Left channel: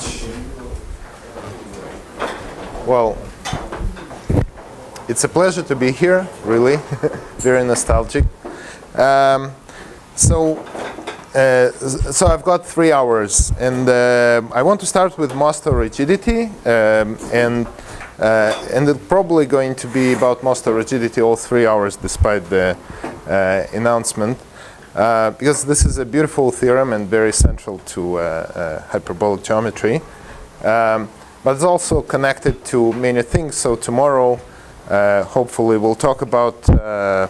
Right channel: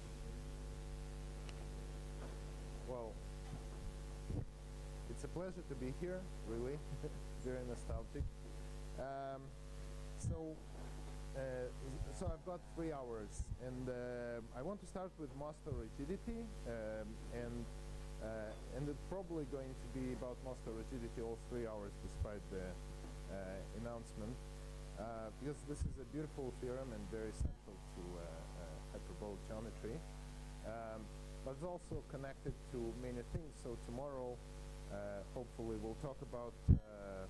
much. Well, it's a pleasure to be here, really. Very nostalgic. So I've got 3 hours, and I want to start with Mostow rigidity, and it's probably going to be about Mostow rigidity all 3 hours, despite the announcement, because this is a beautiful theorem and very central to hyperbolic geometry. But it's also connected to many things. So tomorrow, hopefully, we'll talk about a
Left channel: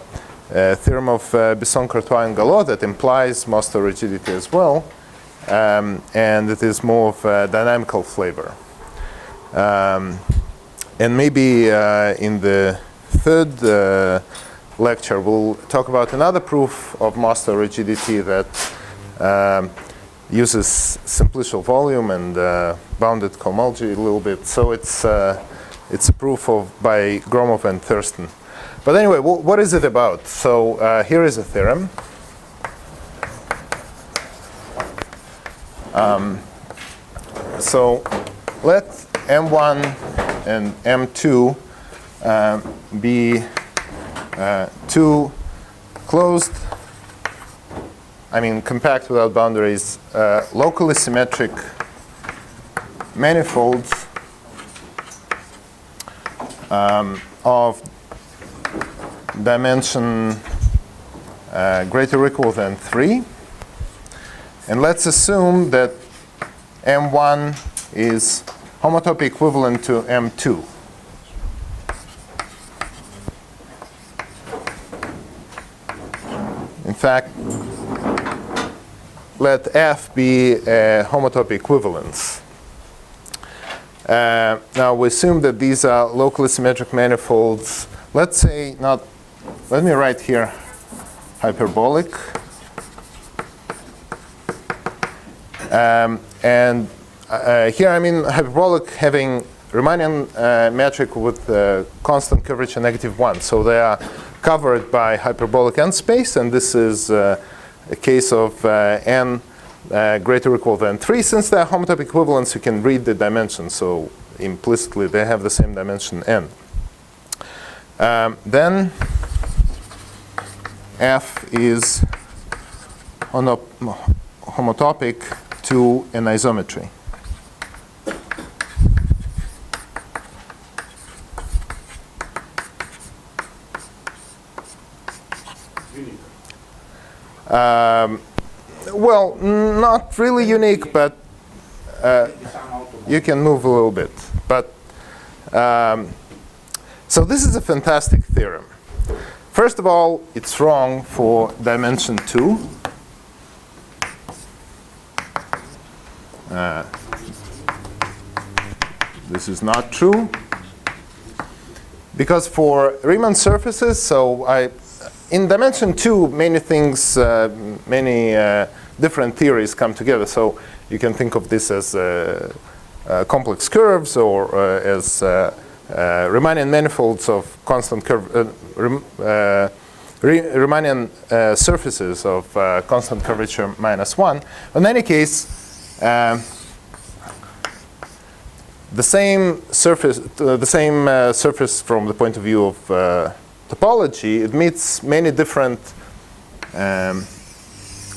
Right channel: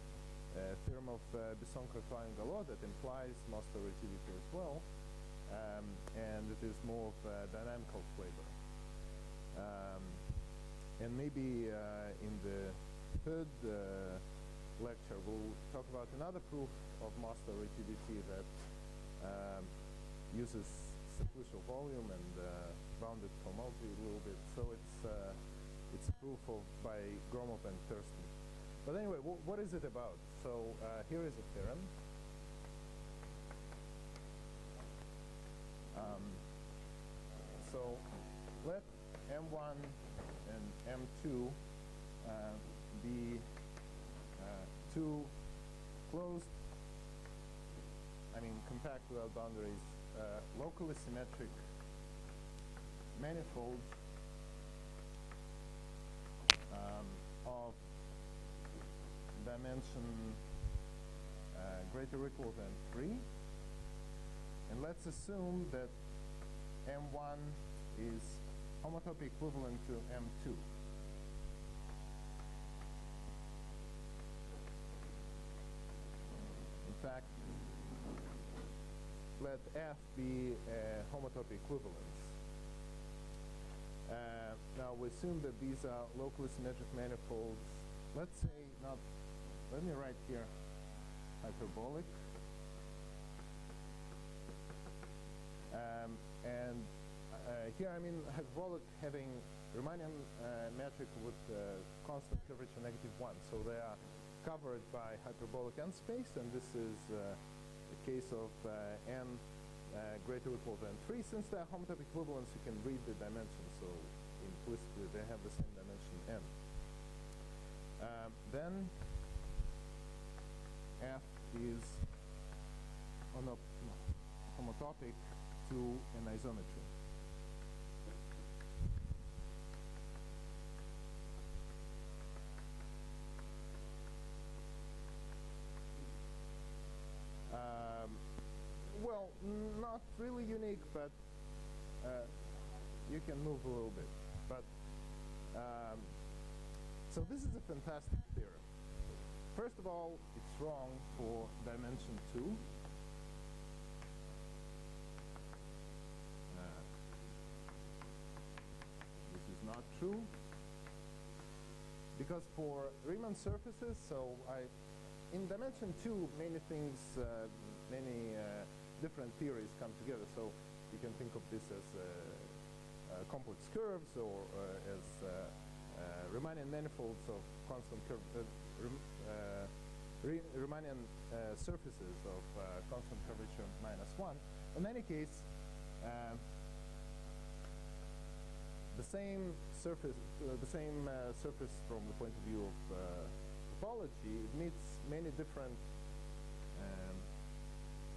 theorem of Besson, Courtois, and Gallot that implies Mostow rigidity as well, and it is more of a dynamical flavor. And maybe in the third lecture, we'll talk about another proof of Mostow rigidity that uses simplicial volume and bounded cohomology a little bit. So it's a proof by Gromov and Thurston. But anyway, what is it about? So here is a theorem. So let M1 and M2 be two closed, compact without boundaries, locally symmetric manifolds of dimension greater or equal than 3. And let's assume that M1 is homotopy equivalent to M2. In fact, let F be a homotopy equivalence. Now we assume that these are locally symmetric manifolds. Let's say let me write here hyperbolic. And here I mean hyperbolic having Riemannian metric with constant curvature -1. So they are covered by hyperbolic n space, and this is a case of n greater or equal than 3. Since they are homotopy equivalents, you can read the dimension. So implicitly, they have the same dimension n. Then F is homotopic to an isometry. Well, not really unique, but you can move a little bit. But so this is a fantastic theorem. First of all, it's wrong for dimension 2. This is not true. Because for Riemann surfaces, in dimension 2, many things, many different theories come together. So you can think of this as complex curves or as Riemannian manifolds of constant Riemannian surfaces of constant curvature -1. In any case, the same surface from the point of view of topology, it meets many different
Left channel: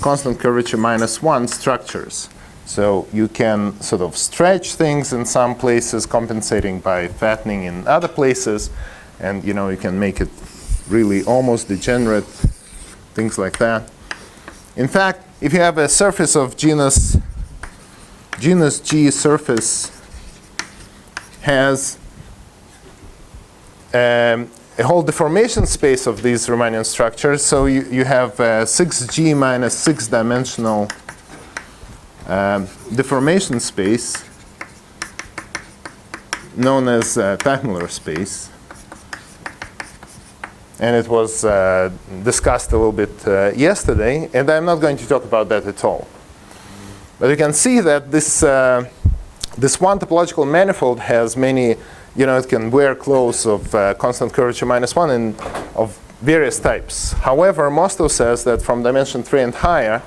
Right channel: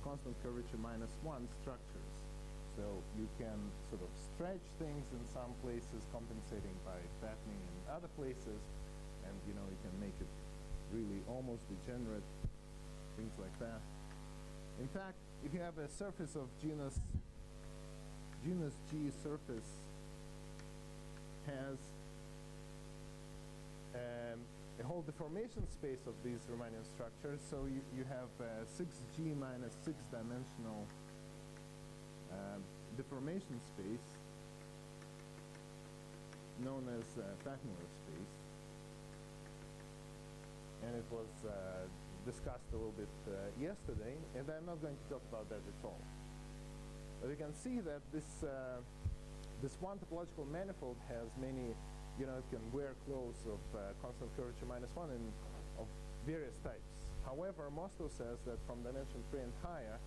constant curvature -1 structures. So you can sort of stretch things in some places, compensating by fattening in other places, and you can make it really almost degenerate, things like that. In fact, if you have a surface of genus G surface has a whole deformation space of these Riemannian structures. So you have 6G minus 6-dimensional deformation space known as Teichmuller space. And it was discussed a little bit yesterday, and I'm not going to talk about that at all. But you can see that this one topological manifold has many, it can wear clothes of constant curvature -1 and of various types. However, Mostow says that from dimension 3 and higher,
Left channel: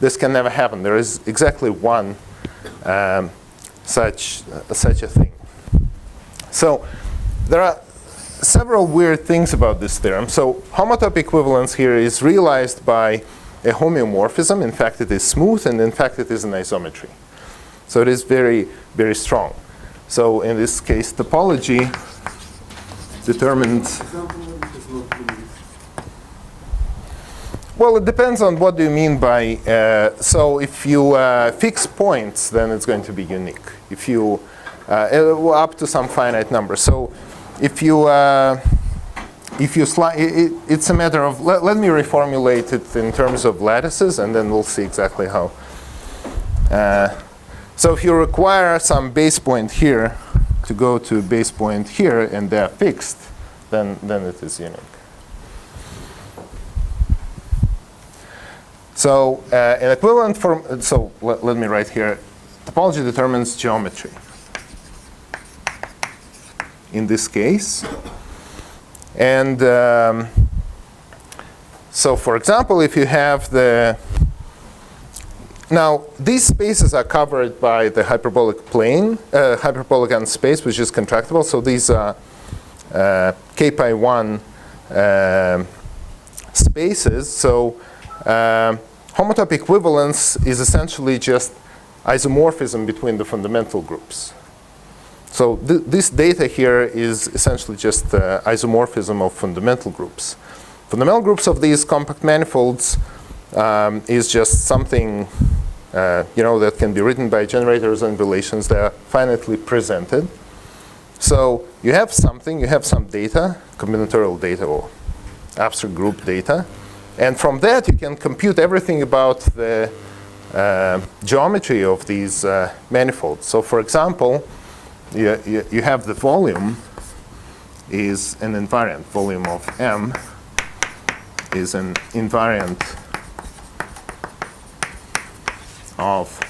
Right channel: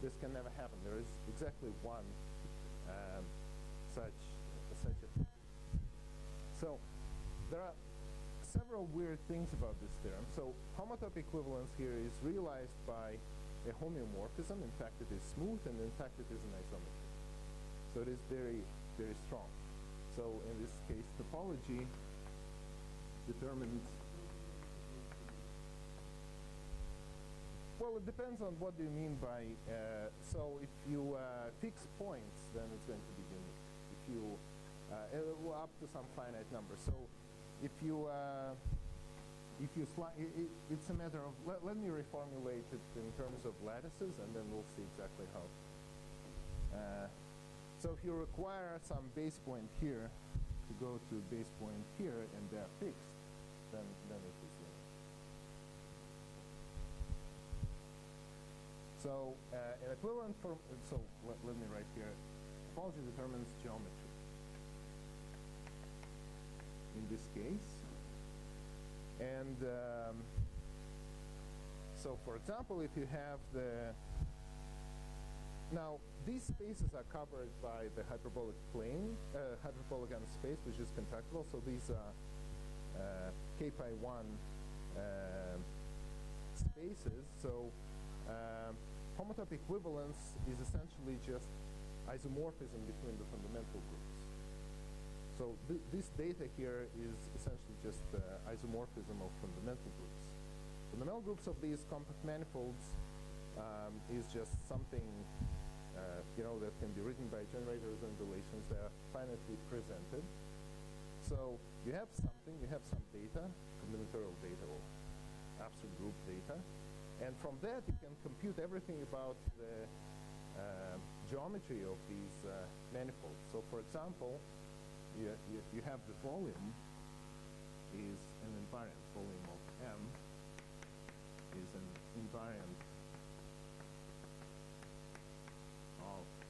this can never happen. There is exactly one such a thing. So there are several weird things about this theorem. So homotopy equivalence here is realized by a homeomorphism. In fact, it is smooth, and in fact, it is an isometry. So it is very, very strong. So in this case, topology determines. Well, it depends on what do you mean by. So if you fix points, then it's going to be unique. If you up to some finite number. So if you slide, it's a matter of. Let me reformulate it in terms of lattices, and then we'll see exactly how. So if you require some base point here to go to a base point here, and they're fixed, then it is unique. So an equivalent form. So let me write here. Topology determines geometry. In this case, and so for example, if you have the now these spaces are covered by the hyperbolic plane, hyperbolic n space, which is contractible. So these are k pi 1 spaces. So homotopy equivalence is essentially just isomorphism between the fundamental groups. So this data here is essentially just isomorphism of fundamental groups. Fundamental groups of these compact manifolds is just something that can be written by generators and relations that are finitely presented. So you have something, you have some data, combinatorial data or abstract group data, and from that you can compute everything about the geometry of these manifolds. So for example, you have the volume is an invariant. Volume of M is an invariant of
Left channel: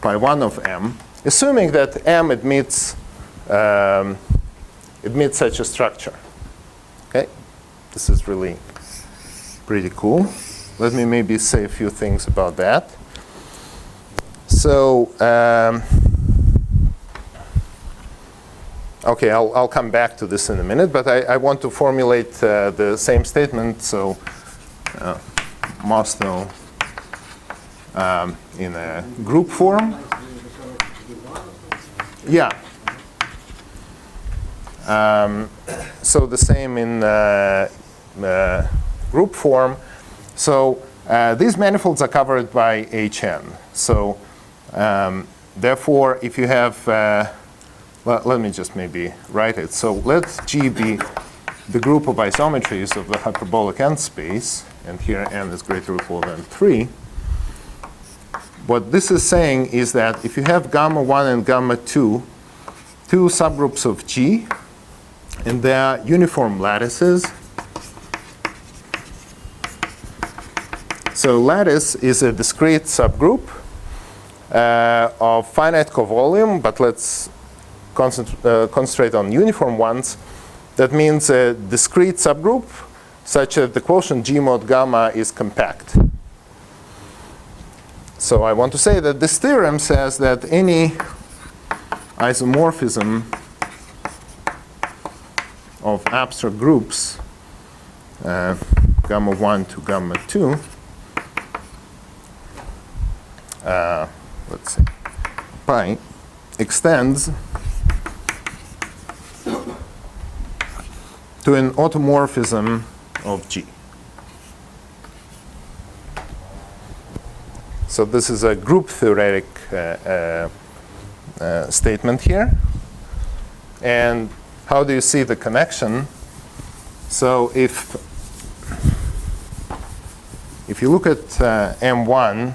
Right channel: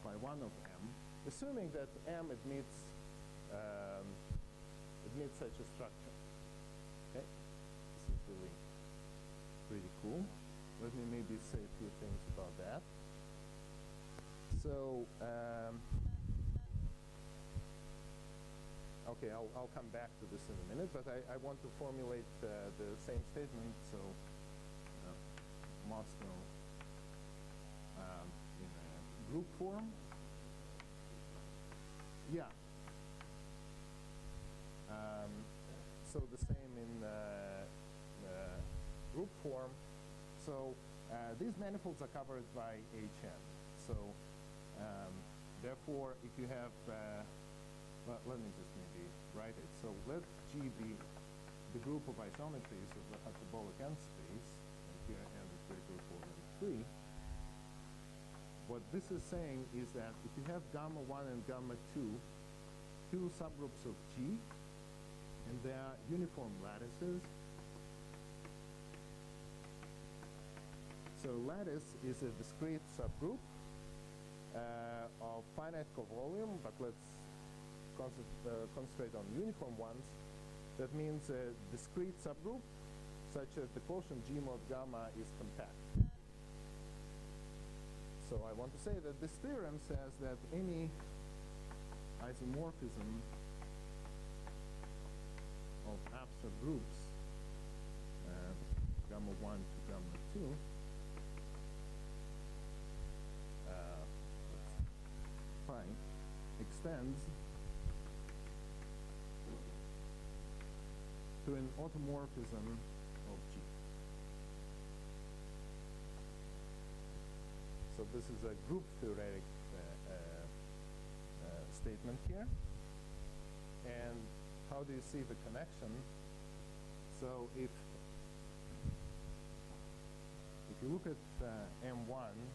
pi 1 of M, assuming that M admits such a structure. Okay, this is really pretty cool. Let me maybe say a few things about that. So. Okay, I'll come back to this in a minute, but I want to formulate the same statement. So Mostow in a group form. Yeah. So the same in group form. So these manifolds are covered by Hn. So therefore, if you have let me just maybe write it. So let G be the group of isometries of the hyperbolic n space, and here n is greater or equal than 3. What this is saying is that if you have gamma 1 and gamma 2, two subgroups of G, and they are uniform lattices. So lattice is a discrete subgroup of finite covolume, but let's concentrate on uniform ones. That means a discrete subgroup such that the quotient G mod gamma is compact. So I want to say that this theorem says that any isomorphism of abstract groups, gamma 1 to gamma 2, let's see, pi, extends to an automorphism of G. So this is a group theoretic statement here. And how do you see the connection? So if you look at M1,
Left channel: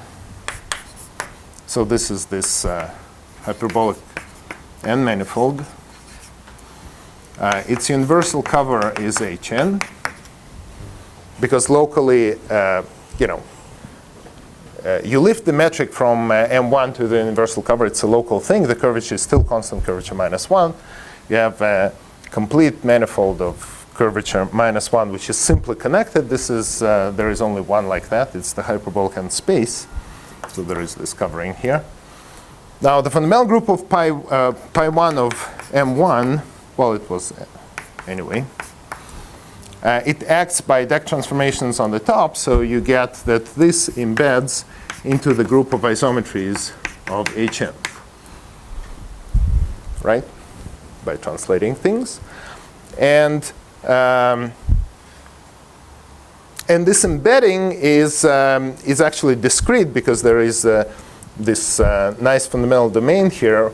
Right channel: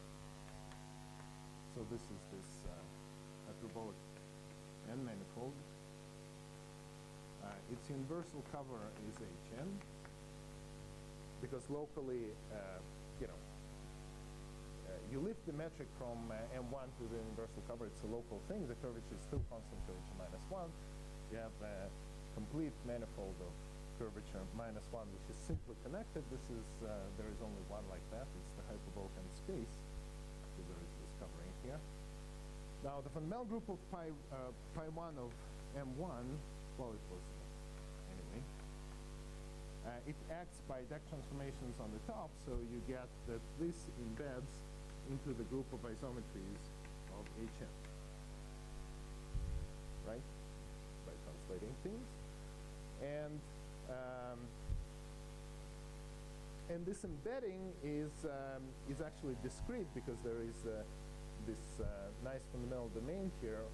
so this is this hyperbolic n manifold. Its universal cover is Hn, because locally, you lift the metric from M1 to the universal cover. It's a local thing. The curvature is still constant curvature -1. You have a complete manifold of curvature -1, which is simply connected. This is there is only one like that. It's the hyperbolic n space. So there is this covering here. Now, the fundamental group of pi 1 of M1, well, it was anyway. It acts by deck transformations on the top, so you get that this embeds into the group of isometries of Hn, right? By translating things. And this embedding is actually discrete because there is this nice fundamental domain here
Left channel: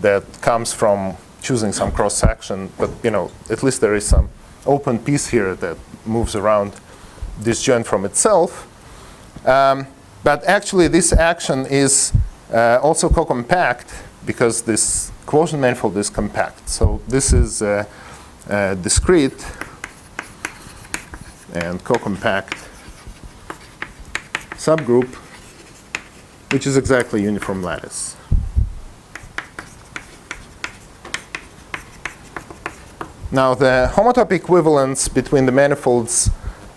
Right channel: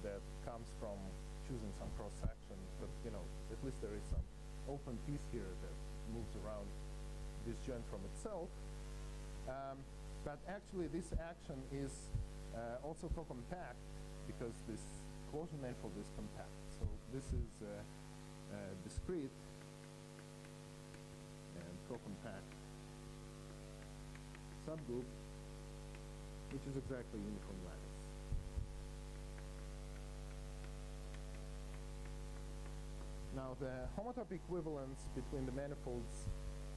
that comes from choosing some cross section, but at least there is some open piece here that moves around disjoint from itself. But actually, this action is also co-compact because this quotient manifold is compact. So this is discrete and co-compact subgroup, which is exactly uniform lattice. Now, the homotopy equivalence between the manifolds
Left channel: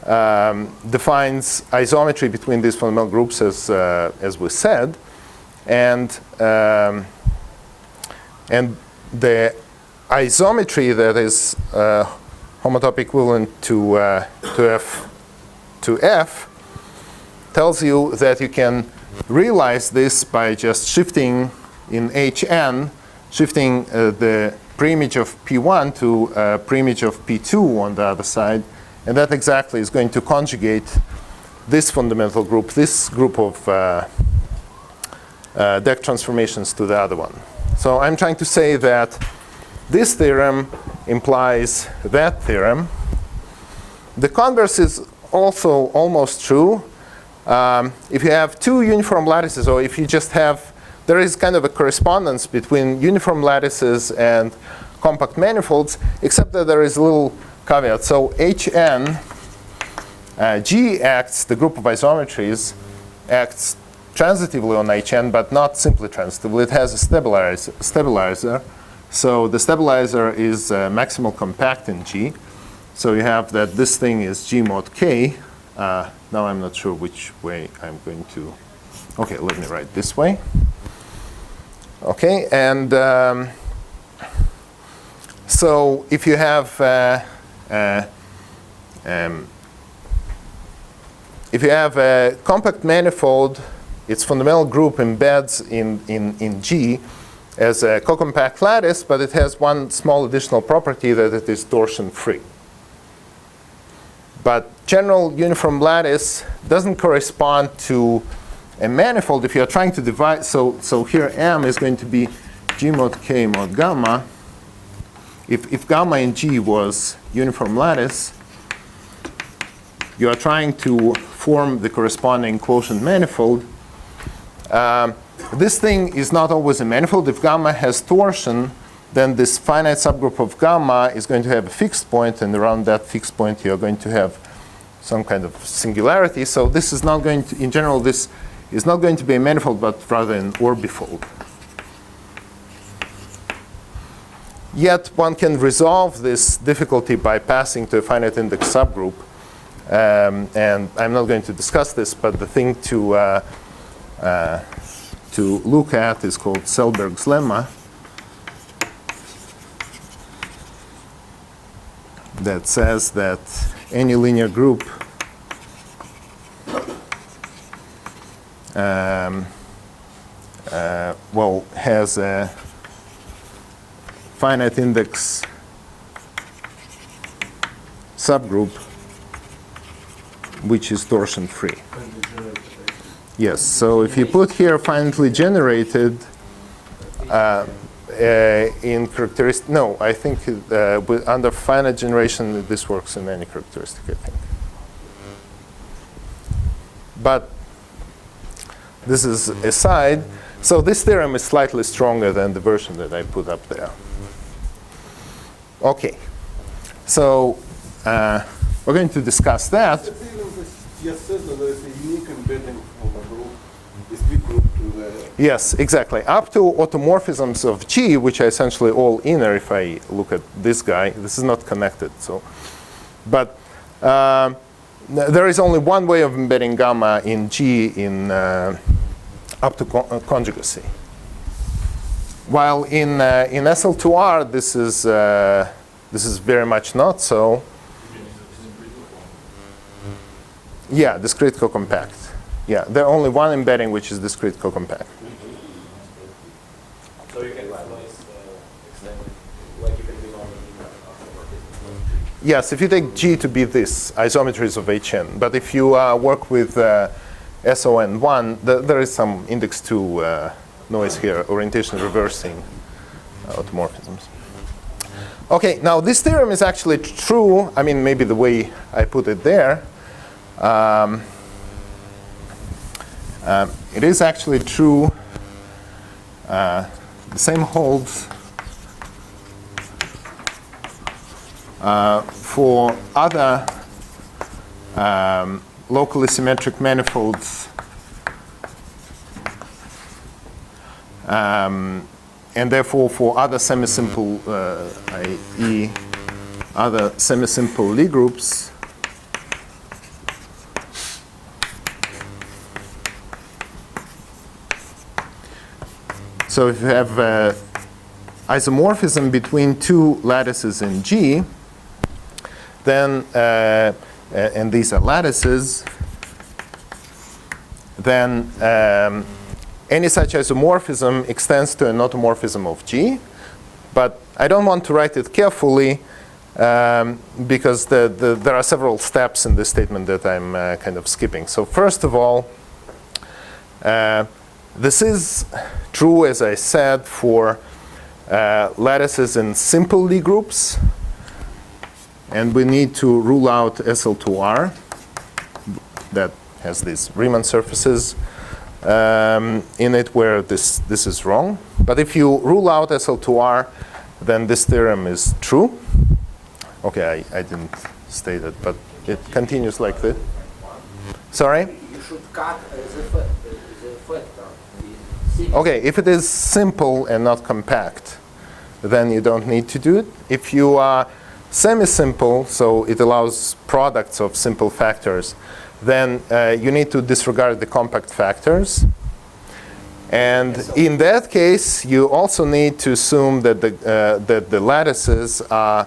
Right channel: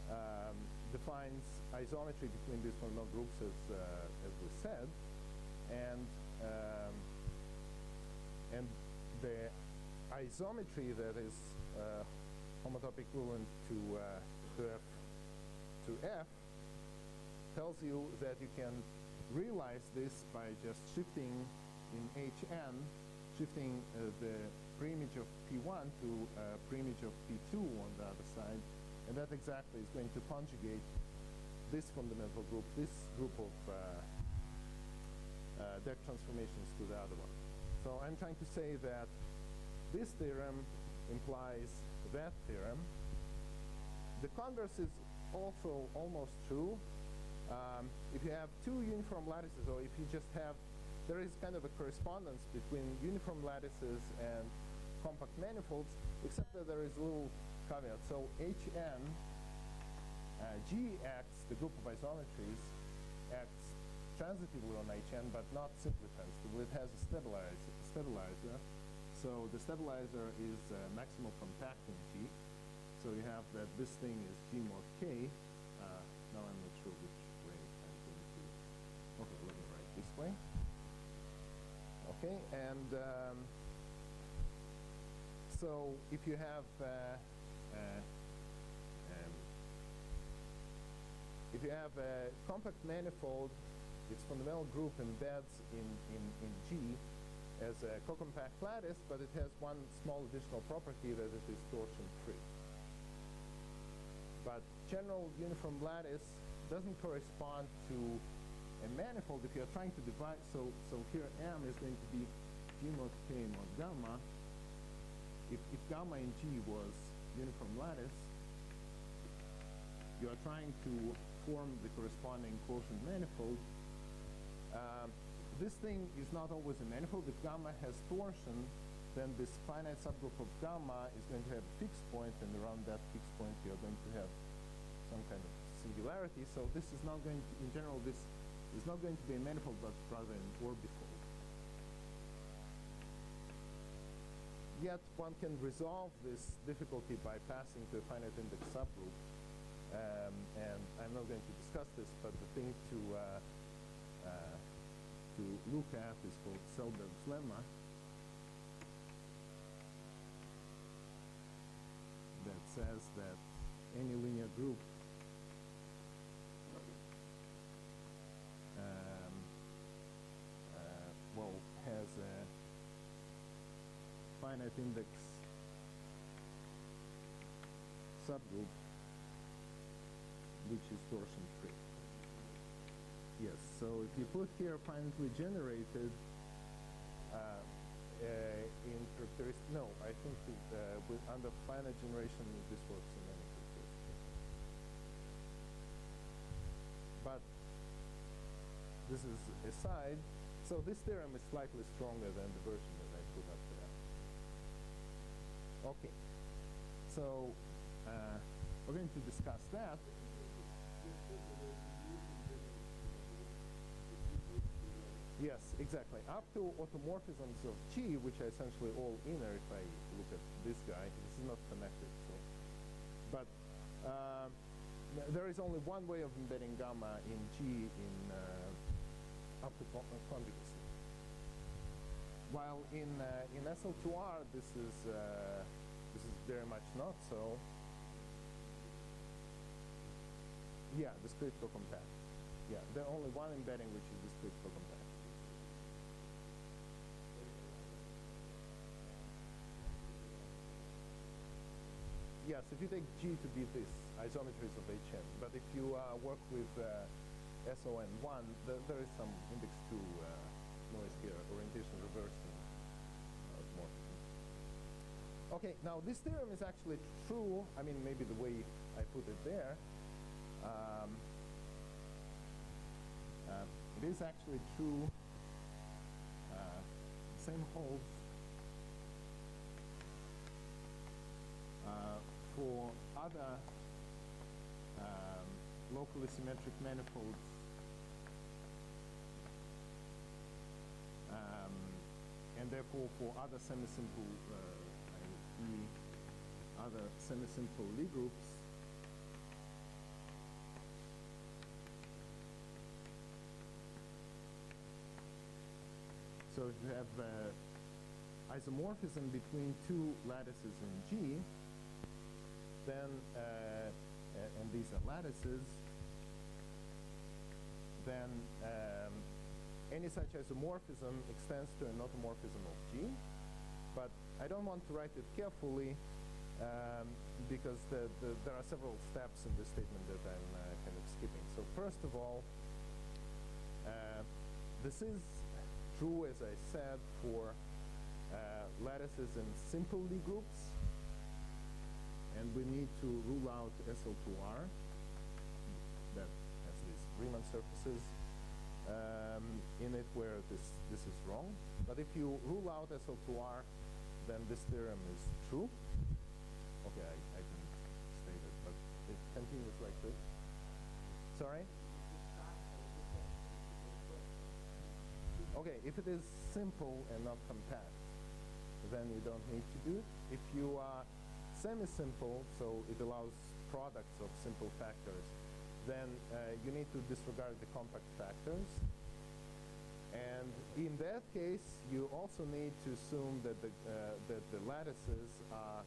defines isometry between these fundamental groups, as we said, and the isometry that is homotopy equivalent to F tells you that you can realize this by just shifting in Hn, shifting the preimage of P1 to preimage of P2 on the other side. And that exactly is going to conjugate this fundamental group, this group of deck transformations to the other one. So I'm trying to say that this theorem implies that theorem. The converse is also almost true. If you have two uniform lattices, or if you just have, there is kind of a correspondence between uniform lattices and compact manifolds, except that there is a little caveat. So Hn, G acts, the group of isometries, acts transitively on Hn, but not simply transitively. It has a stabilizer. So the stabilizer is maximal compact in G. So you have that this thing is G mod K. Now I'm not sure which way I'm going to. OK, let me write this way. OK, and so if you have a compact manifold, its fundamental group embeds in G as a co-compact lattice, but it has one small additional property that it is torsion-free. But general uniform lattice doesn't correspond to a manifold. If you're trying to divide, so here M is going to be G mod K mod gamma. If gamma in G was uniform lattice, you are trying to form the corresponding quotient manifold. This thing is not always a manifold. If gamma has torsion, then this finite subgroup of gamma is going to have a fixed point, and around that fixed point you're going to have some kind of singularity. So this is not going to, in general, this is not going to be a manifold, but rather an orbifold. Yet one can resolve this difficulty by passing to a finite index subgroup. And I'm not going to discuss this, but the thing to look at is called Selberg's lemma. That says that any linear group has a finite index subgroup which is torsion-free. Yes, so if you put here finitely generated in characteristic, no, I think under finite generation this works in any characteristic, I think. But this is aside. So this theorem is slightly stronger than the version that I put up there. OK, so we're going to discuss that. The theorem just says that there is a unique embedding of a group, this big group to the. Yes, exactly. Up to automorphisms of G, which are essentially all inner. If I look at this guy, this is not connected. So, but there is only one way of embedding gamma in G in up to conjugacy. While in SL2R, this is very much not so. Yeah, discrete co-compact. Yeah, there are only one embedding which is discrete co-compact. So you can extend, like you can do on the Yes, if you take G to be this, isometries of HN. But if you work with SON1, there is some index 2 noise here, orientation reversing automorphisms. Okay, now this theorem is actually true. I mean, maybe the way I put it there. It is actually true. The same holds for other locally symmetric manifolds, and therefore for other semisimple, i.e., other semisimple Lie groups. So if you have isomorphism between two lattices in G, then, and these are lattices, then any such isomorphism extends to an automorphism of G. But I don't want to write it carefully because there are several steps in this statement that I'm kind of skipping. So first of all, this is true, as I said, for lattices in simple Lie groups. And we need to rule out SL2R that has these Riemann surfaces in it where this is wrong. But if you rule out SL2R, then this theorem is true. Okay, I didn't state it, but it continues like this. Sorry? You should cut the factor. Okay, if it is simple and not compact, then you don't need to do it. If you are semi-simple, so it allows products of simple factors, then you need to disregard the compact factors. And in that case, you also need to assume that the lattices are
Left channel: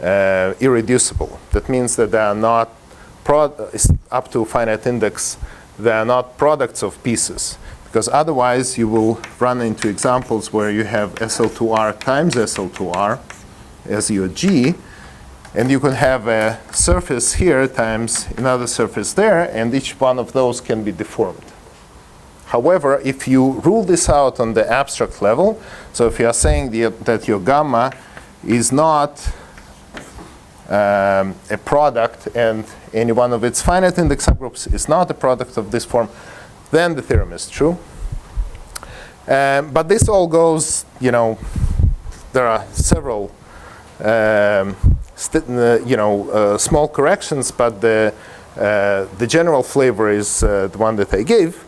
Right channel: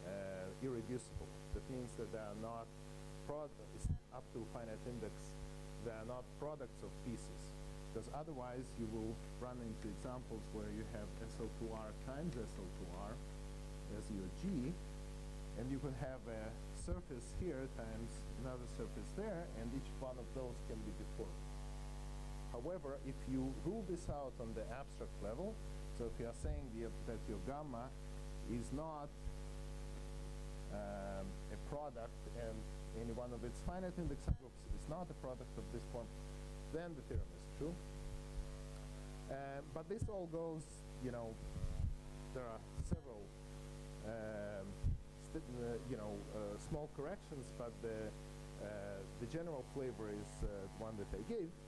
irreducible. That means that they are not, up to finite index, they are not products of pieces. Because otherwise, you will run into examples where you have SL2R times SL2R as your G. And you can have a surface here times another surface there, and each one of those can be deformed. However, if you rule this out on the abstract level, so if you are saying that your gamma is not a product and any one of its finite index subgroups is not a product of this form, then the theorem is true. But this all goes, there are several small corrections, but the general flavor is the one that I gave.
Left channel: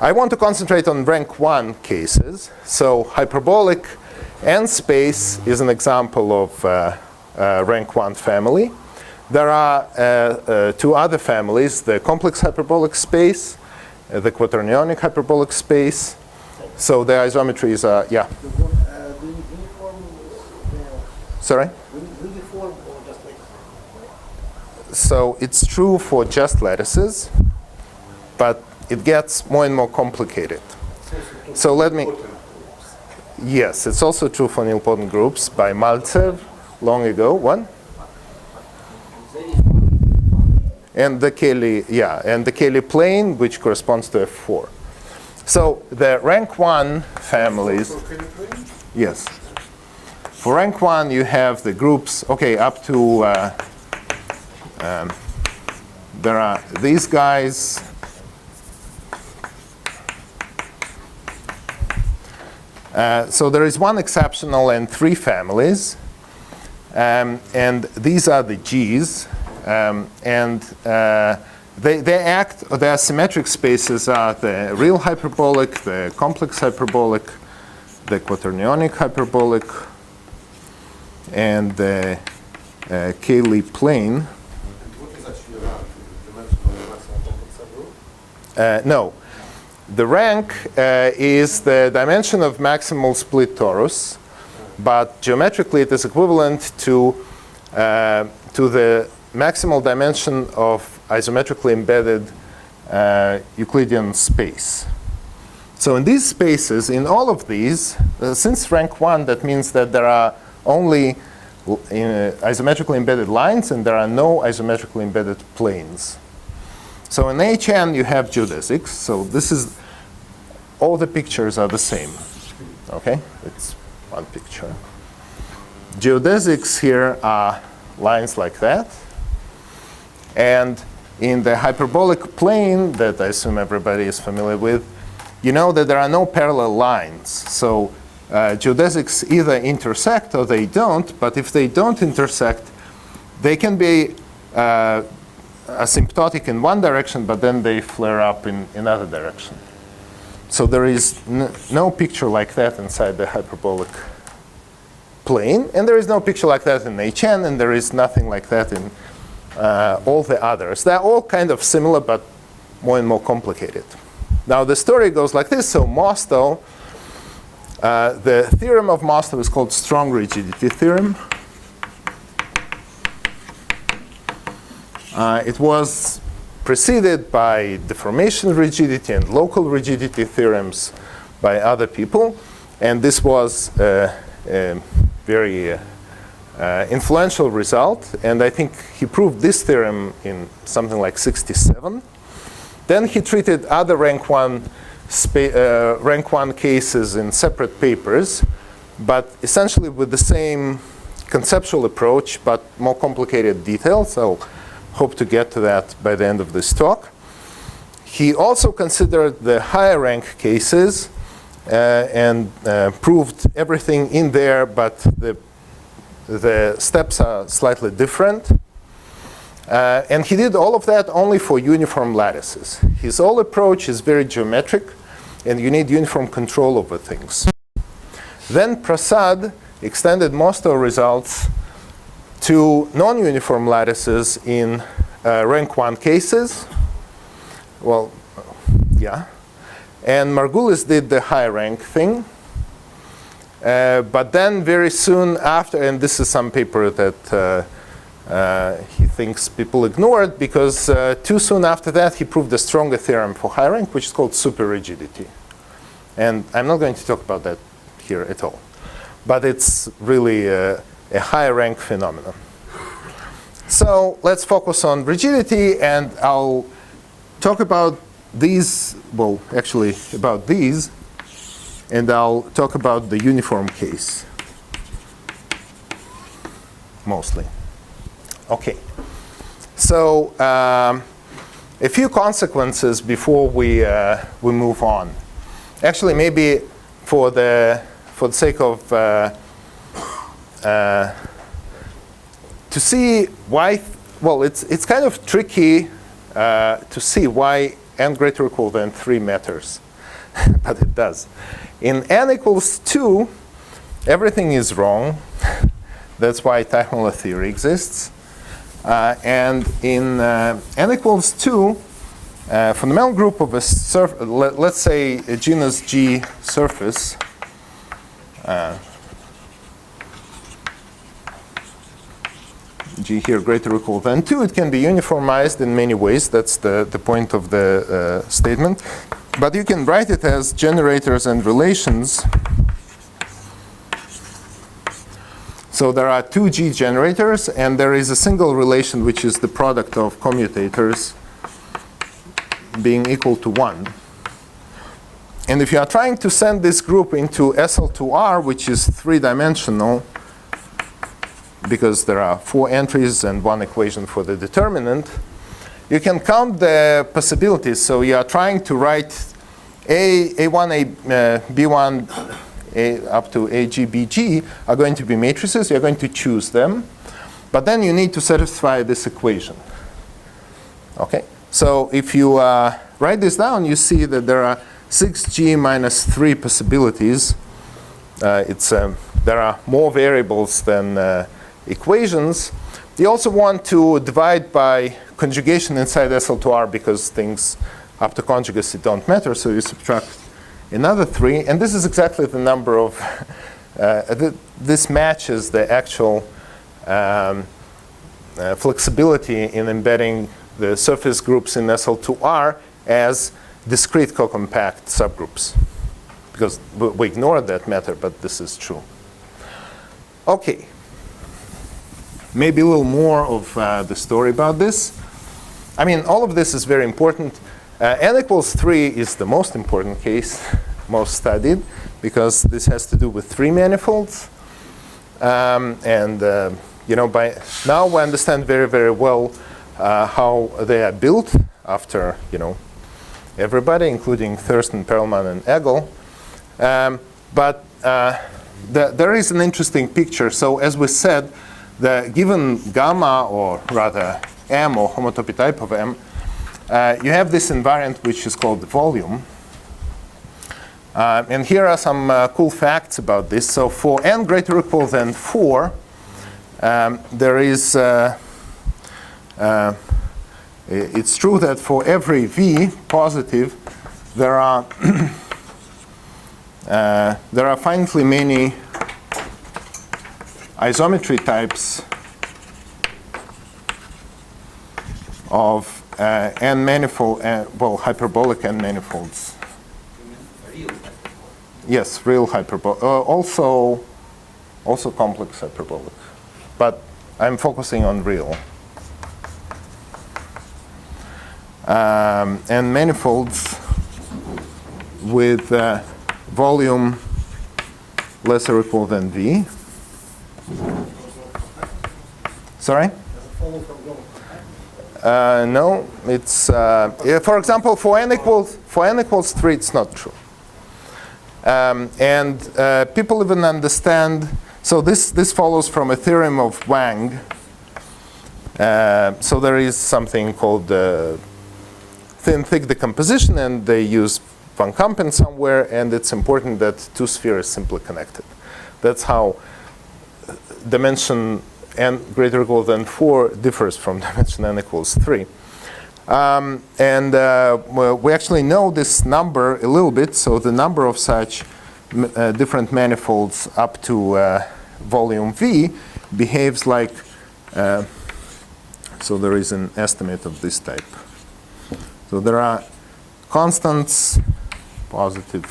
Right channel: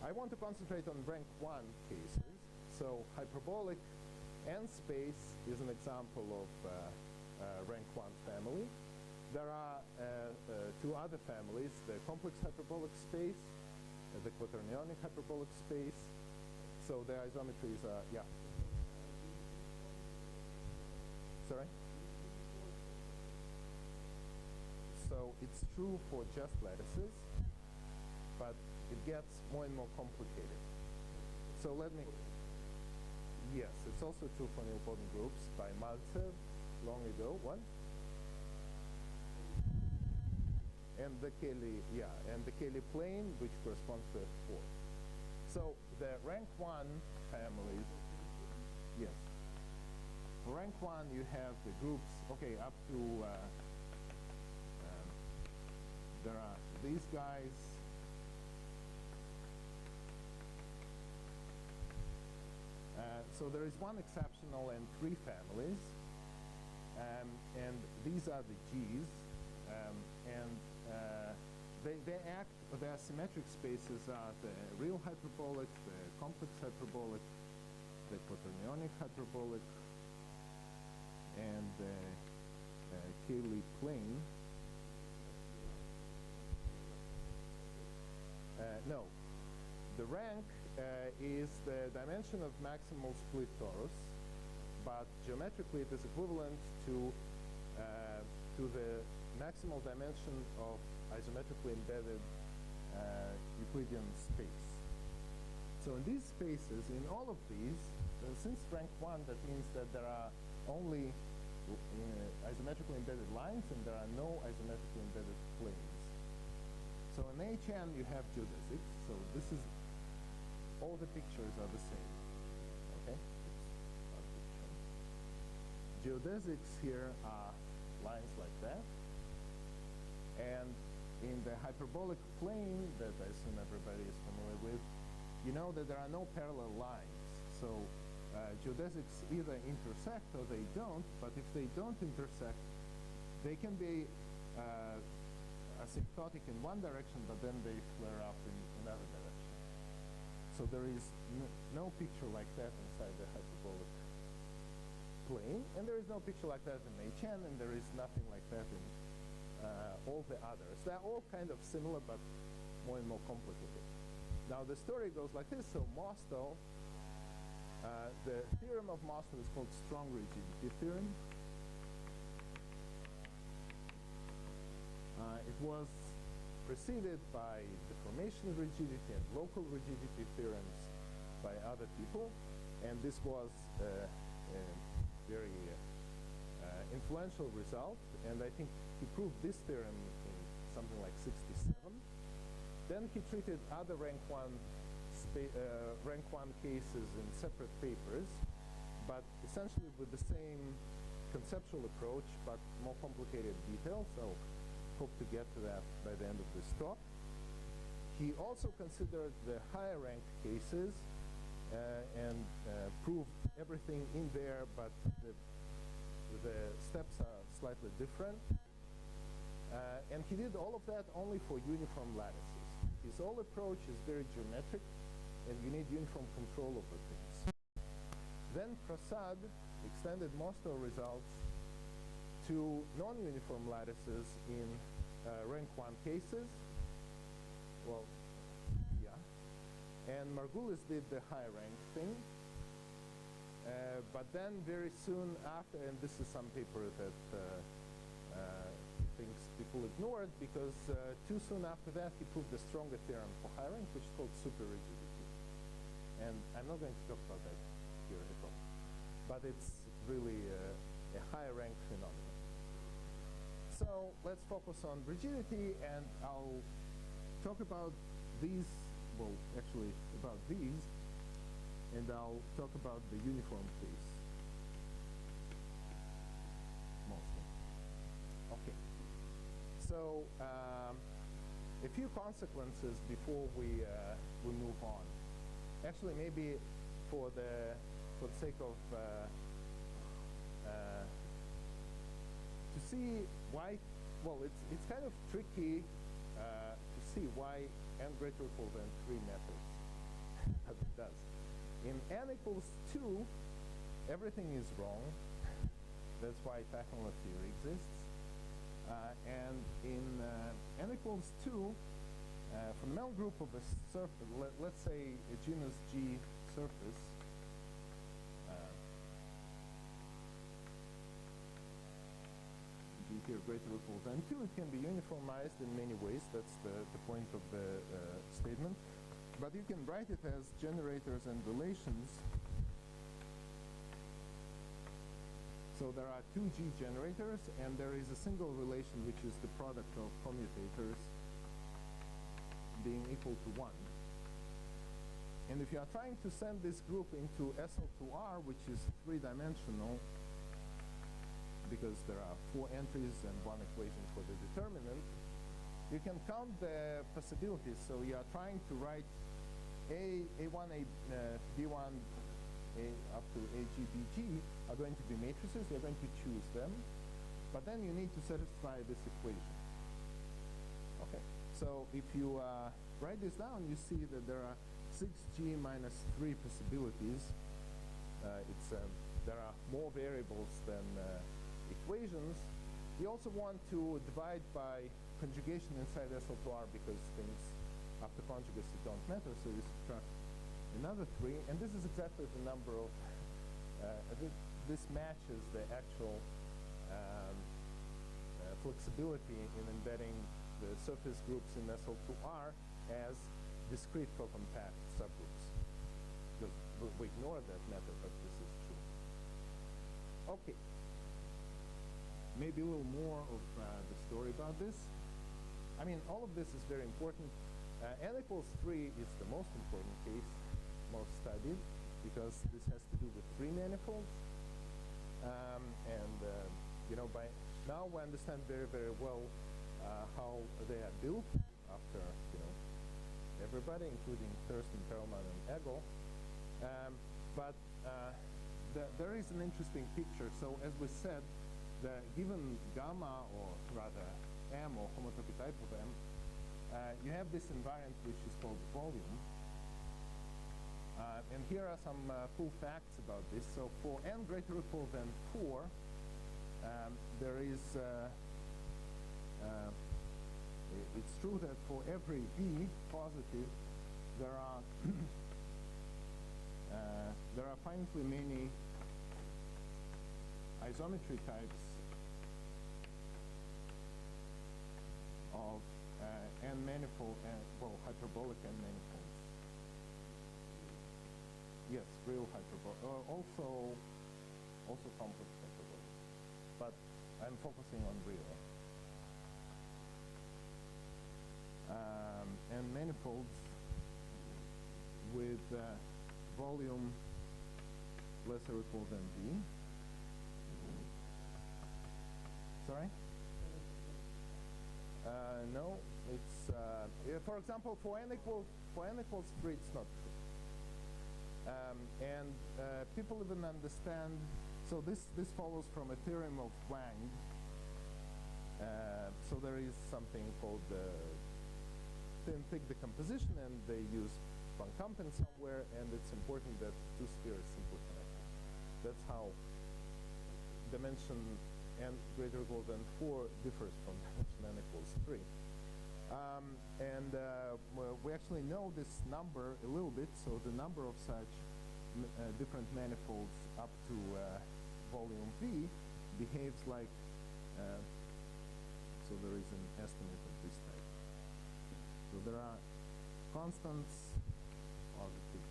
I want to concentrate on rank 1 cases. So hyperbolic n space is an example of rank 1 family. There are two other families, the complex hyperbolic space, the quaternionic hyperbolic space. So the isometries are, yeah. Sorry? So it's true for just lattices, but it gets more and more complicated. So let me, yes, it's also true for nilpotent groups by Maltsev long ago. One? And the Cayley, yeah, and the Cayley plane, which corresponds to F4. So the rank 1 families, yes. For rank 1, you have the groups, okay, up to, there are these guys. So there is one exceptional and 3 families. And these are the G's. Their symmetric spaces are the real hyperbolic, the complex hyperbolic, the quaternionic hyperbolic, and the Cayley plane. What is actually around? The dimensional maximum complex subgroup? No. the rank is the dimension of maximal split torus, but geometrically it is equivalent to the maximal dimension of isometrically embedded Euclidean space. So in these spaces, in all of these, since rank 1, that means that there are only isometrically embedded lines and there are no isometrically embedded planes. So in HN you have geodesics. So this is, all the pictures are the same. Okay, it's one picture. Geodesics here are lines like that. And in the hyperbolic plane that I assume everybody is familiar with, you know that there are no parallel lines. So geodesics either intersect or they don't, but if they don't intersect, they can be asymptotic in one direction, but then they flare up in another direction. So there is no picture like that inside the hyperbolic plane, and there is no picture like that in HN, and there is nothing like that in all the others. They're all kind of similar, but more and more complicated. Now the story goes like this. So Mostow, the theorem of Mostow is called strong rigidity theorem. It was preceded by deformation rigidity and local rigidity theorems by other people. And this was a very influential result. And I think he proved this theorem in something like 1967. Then he treated other rank 1 cases in separate papers, but essentially with the same conceptual approach, but more complicated details. I'll hope to get to that by the end of this talk. He also considered the higher rank cases and proved everything in there, but the steps are slightly different. And he did all of that only for uniform lattices. His whole approach is very geometric, and you need uniform control over things. Then Prasad extended Mostow results to non-uniform lattices in rank 1 cases. Well, yeah. And Margulis did the high rank thing. But then very soon after, and this is some paper that he thinks people ignored, because too soon after that he proved a stronger theorem for high rank, which is called superrigidity. And I'm not going to talk about that here at all. But it's really a high rank phenomenon. So let's focus on rigidity, and I'll talk about these, well, actually about these, and I'll talk about the uniform case mostly. Okay, so a few consequences before we move on. Actually, maybe for the sake of to see why, well, it's kind of tricky to see why n greater or equal than 3 matters, but it does. In n equals 2, everything is wrong. That's why Teichmuller theory exists. And in n equals 2, fundamental group of a surface, let's say a genus G surface, G here greater or equal than 2, it can be uniformized in many ways. That's the point of the statement. But you can write it as generators and relations. So there are 2 G generators, and there is a single relation, which is the product of commutators being equal to 1. And if you are trying to send this group into SL2R, which is 3-dimensional, because there are 4 entries and 1 equation for the determinant, you can count the possibilities. So you are trying to write A1, B1, up to AG, BG are going to be matrices. You're going to choose them. But then you need to satisfy this equation. Okay? So if you write this down, you see that there are 6G minus 3 possibilities. There are more variables than equations. You also want to divide by conjugation inside SL2R because things up to conjugacy don't matter, so you subtract another 3, and this is exactly the number of, this matches the actual flexibility in embedding the surface groups in SL2R as discrete co-compact subgroups. Because we ignored that matter, but this is true. Okay. Maybe a little more of the story about this. I mean, all of this is very important. N equals 3 is the most important case, most studied, because this has to do with 3 manifolds. You know, by now we understand very, very well how they are built after, you know, everybody, including Thurston, Perelman, and Egel. But there is an interesting picture. So as we said, the given gamma, or rather M, or homotopy type of M, you have this invariant which is called the volume. And here are some cool facts about this. So for n greater or equal than 4, there is, it's true that for every v positive, there are finitely many isometry types of n manifold, well, hyperbolic n manifolds. Real. Yes, real hyperbolic. Also complex hyperbolic. But I'm focusing on real. And manifolds with volume less or equal than V. Sorry? No, it's, for example, for n equals 3, it's not true. People even understand, so this follows from a theorem of Wang. So there is something called thin-thick decomposition, and they use Van Kampen somewhere, and it's important that 2 spheres simply connected. That's how dimension n greater or equal than 4 differs from dimension n equals 3. Well, we actually know this number a little bit, so the number of such different manifolds up to volume V behaves like, so there is an estimate of this type. So there are constants, positive,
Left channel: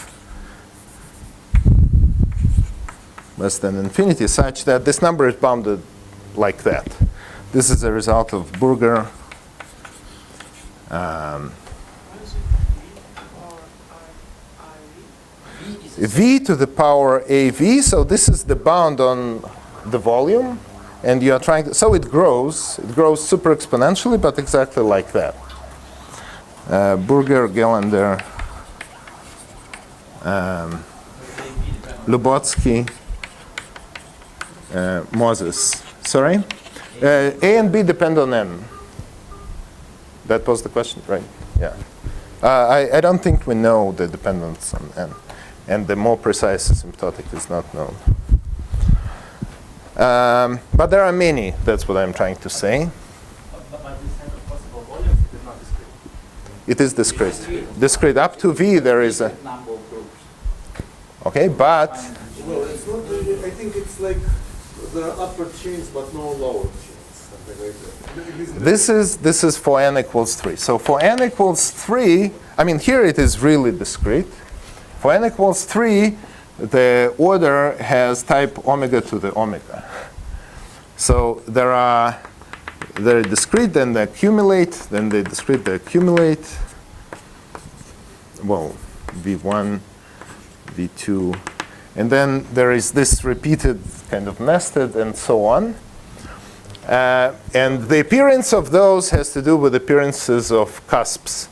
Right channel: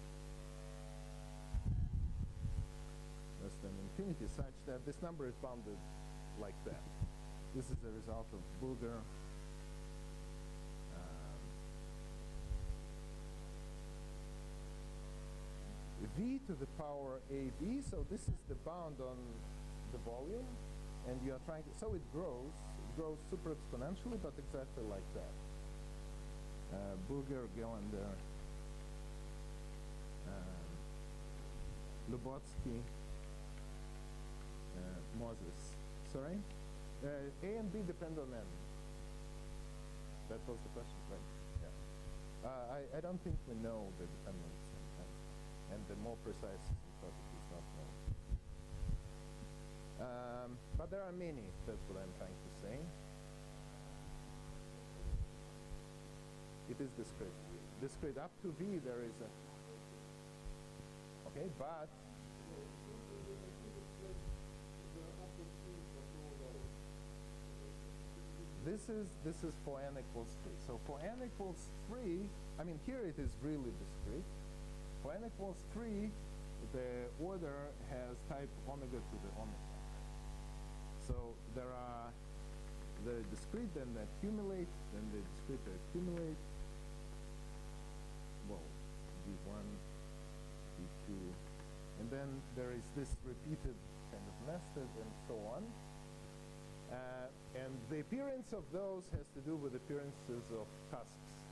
less than infinity, such that this number is bounded like that. This is a result of Burger. V to the power AV, so this is the bound on the volume, and you are trying to, so it grows super exponentially, but exactly like that. Burger, Gelander, Lubotsky, Moses. Sorry? A and B depend on N. That was the question, right? Yeah. I don't think we know the dependence on N. And the more precise asymptotic is not known. But there are many, that's what I'm trying to say. But this set of possible volumes is not discrete. It is discrete. Discrete. Up to V, there is a... Number of groups. Okay, but... Well, it's not really, I think it's like the upper chains but no lower chains. Something like that. This is for n equals 3. So for n equals 3, I mean, here it is really discrete. For n equals 3, the order has type omega to the omega. So they're discrete, then they accumulate, then they discrete, they accumulate. Well, V1, V2. And then there is this repeated kind of nested and so on. And the appearance of those has to do with appearances of cusps.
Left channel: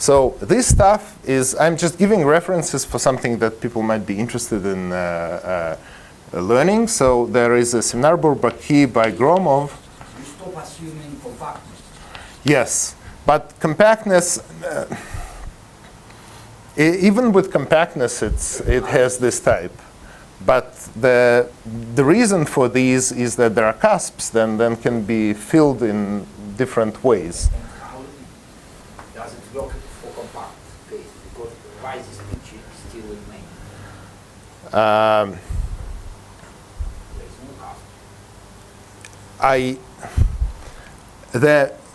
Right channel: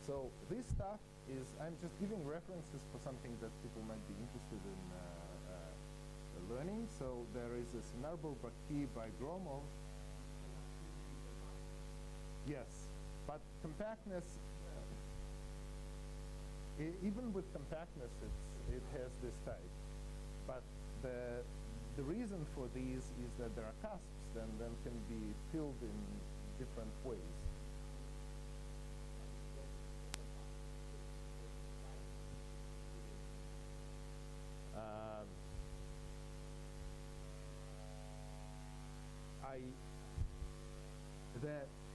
So this stuff is, I'm just giving references for something that people might be interested in learning. So there is a seminar-Bourbaki by Gromov. You stop assuming compactness. Yes, but compactness, even with compactness, it has this type. But the reason for these is that there are cusps then can be filled in different ways. And how does it work for compactness?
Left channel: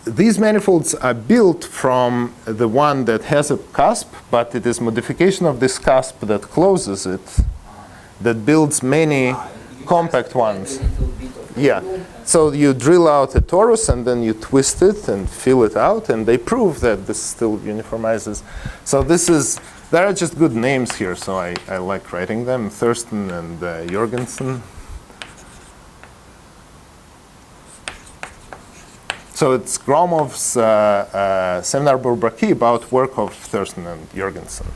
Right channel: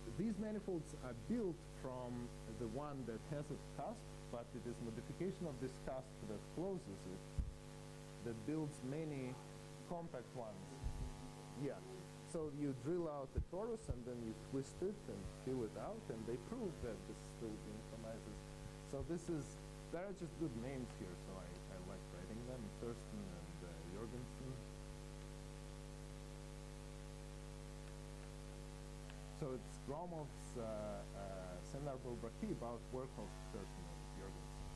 These manifolds are built from the one that has a cusp, but it is modification of this cusp that closes it, that builds many compact ones. Yeah. So you drill out a torus and then you twist it and fill it out, and they prove that this still uniformizes. So there are just good names here, so I like writing them, Thurston and Jorgensen. So it's Gromov's seminar Bourbaki about work of Thurston and Jorgensen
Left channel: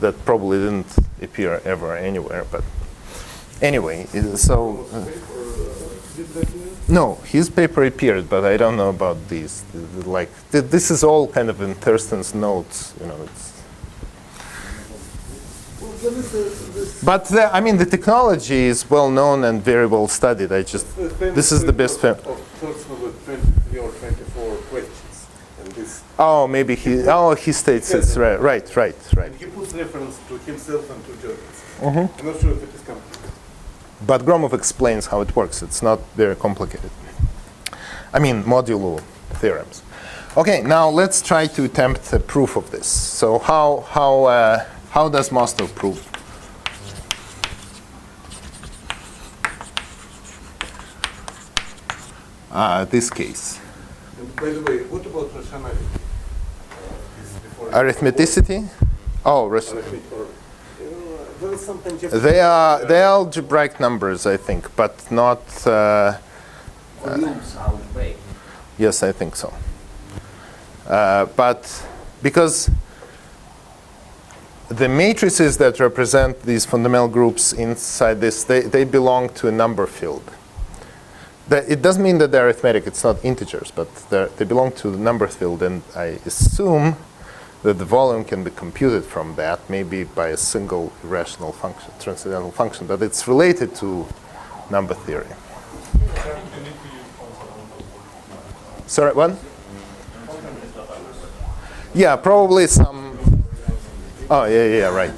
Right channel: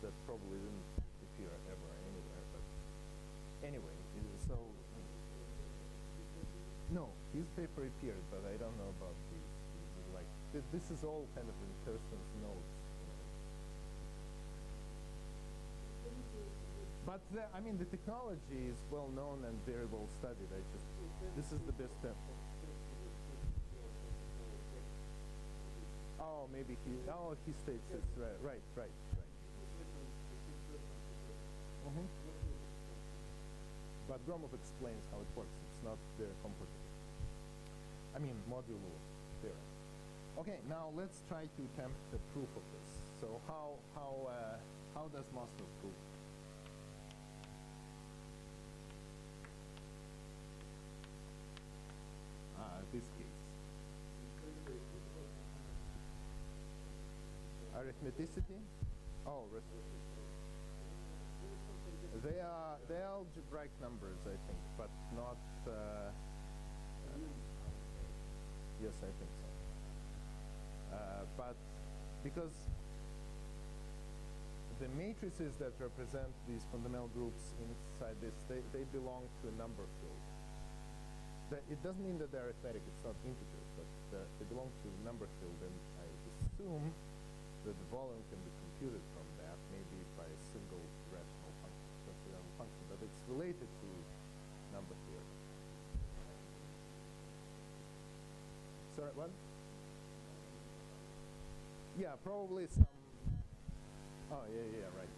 that probably didn't appear ever anywhere, but anyway, so no, his paper appeared, but I don't know about these. Like this is all kind of in Thurston's notes, you know. But I mean, the technology is well known and very well studied. This is the best. Thurston with 23 or 24 questions, and this. Oh, maybe he states it's right. And he puts reference to himself and to Jorgensen. I'm not sure if it is complete. But Gromov explains how it works. It's not very complicated. I mean, modulo theorems. Okay, now let's try to attempt a proof of this. So how does Mostow prove? This case. And by the way, what about rationality? Arithmeticity? Oh, Arithmetic or, there is something they are algebraic numbers, I think, but not. Volumes algebraic. Yes, I think so. But because the matrices that represent these fundamental groups inside this, they belong to a number field. It doesn't mean that they're arithmetic, it's not integers, but they belong to the number field, and I assume that the volume can be computed from that, maybe by a single irrational function, transcendental function, but it's related to number theory. Sorry, what? Yeah, probably some. Oh, yeah, right.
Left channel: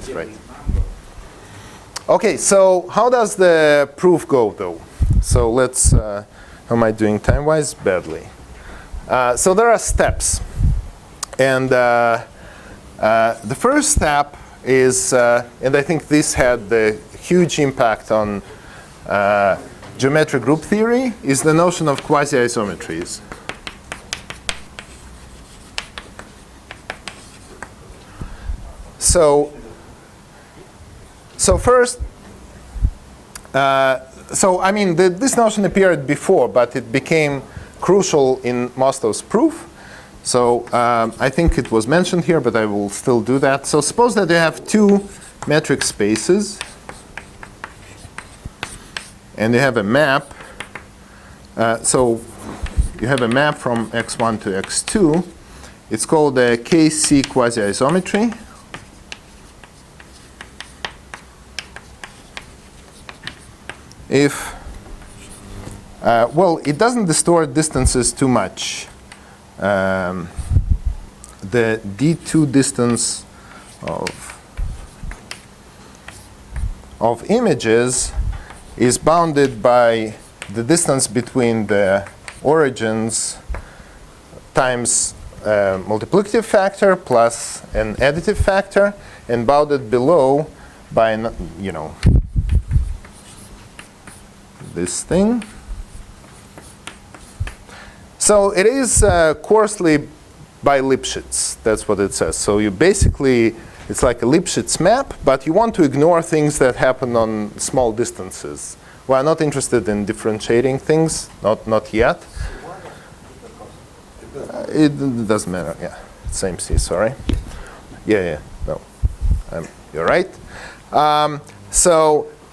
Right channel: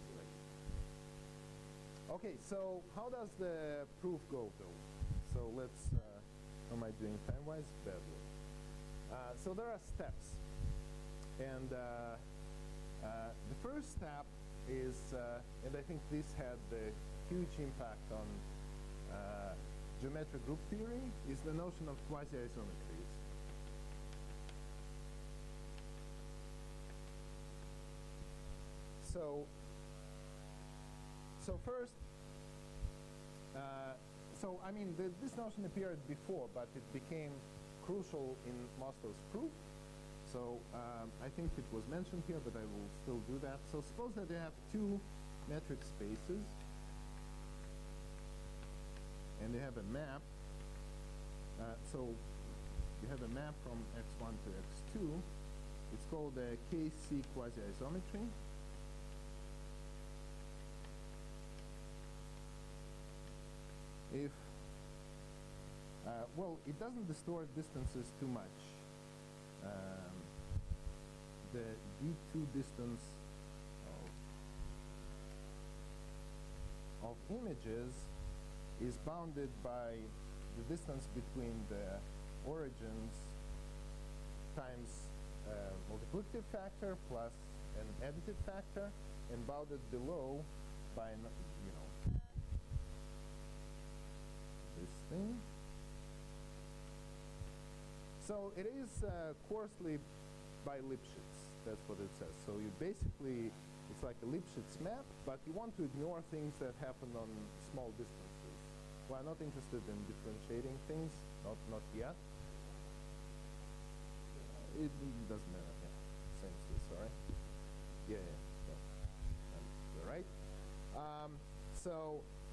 Okay, so how does the proof go, though? So let's, how am I doing time-wise? Badly. So there are steps. And the first step is, and I think this had the huge impact on geometric group theory, is the notion of quasi-isometries. So first, I mean, this notion appeared before, but it became crucial in Mostow's proof. So I think it was mentioned here, but I will still do that. So suppose that you have two metric spaces, and you have a map. So you have a map from x1 to x2. It's called a KC quasi-isometry. If, well, it doesn't distort distances too much. The D2 distance of images is bounded by the distance between the origins times multiplicative factor plus an additive factor, and bounded below by, this thing. So it is coarsely by Lipschitz. That's what it says. So you basically, it's like a Lipschitz map, but you want to ignore things that happen on small distances. We're not interested in differentiating things, not yet. It doesn't matter. Yeah, same C. Sorry. Yeah. No, you're right.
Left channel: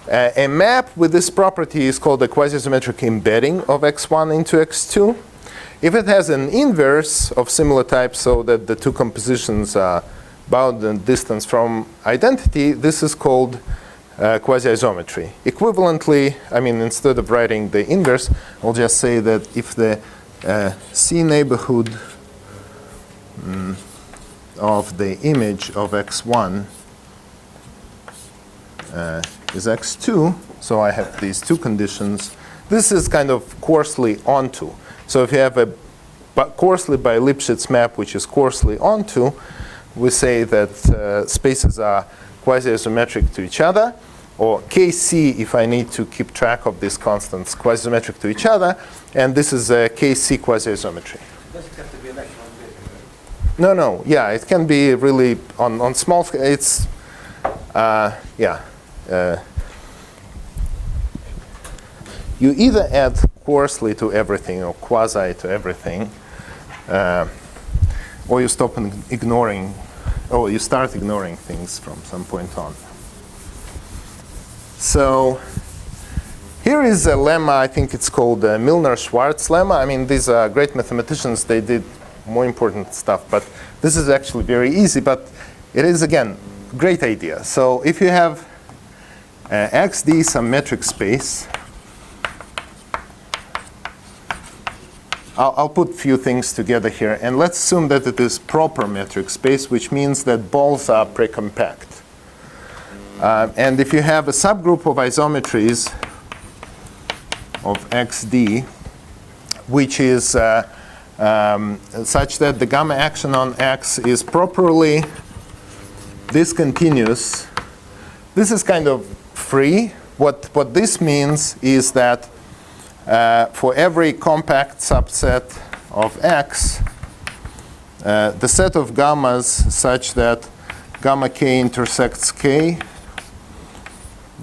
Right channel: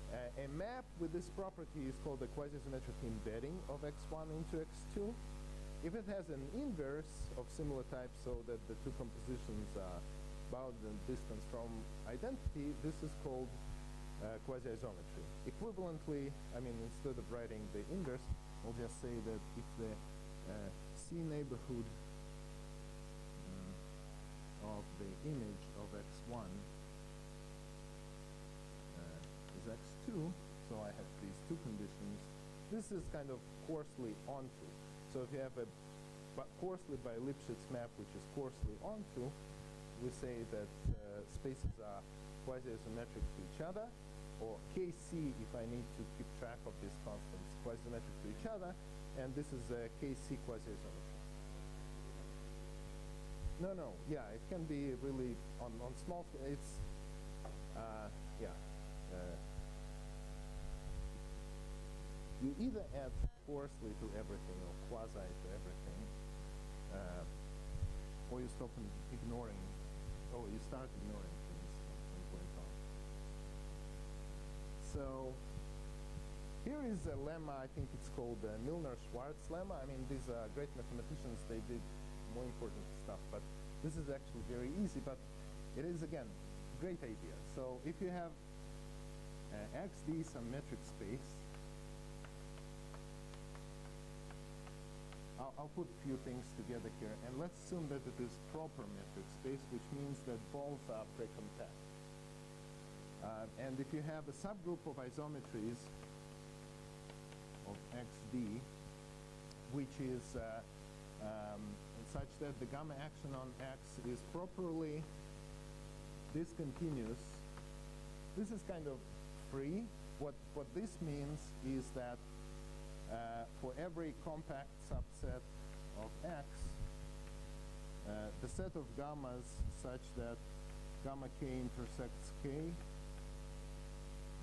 A map with this property is called a quasi-symmetric embedding of x1 into x2. If it has an inverse of similar type, so that the two compositions are bounded in distance from identity, this is called quasi-isometry. Equivalently, I mean, instead of writing the inverse, I'll just say that if the C neighborhood of the image of x1 is x2. So I have these two conditions. This is kind of coarsely onto. So if you have a coarsely by Lipschitz map, which is coarsely onto, we say that spaces are quasi-isometric to each other, or Kc, if I need to keep track of these constants, quasi-isometric to each other, and this is a Kc quasi-isometry. Does it have to be electron bit? No, yeah, it can be really on small scale. It's, you either add coarsely to everything or quasi to everything, or you stop ignoring, or you start ignoring things from some point on. So here is a lemma. I think it's called the Milnor-Schwarz lemma. I mean, these are great mathematicians. They did more important stuff. But this is actually very easy. But it is, again, great idea. So if you have XD some metric space, I'll put a few things together here. And let's assume that it is proper metric space, which means that balls are precompact. And if you have a subgroup of isometries of XD, which is such that the gamma action on X is properly discontinuous, this is kind of free. What this means is that for every compact subset of X, the set of gammas such that gamma k intersects k,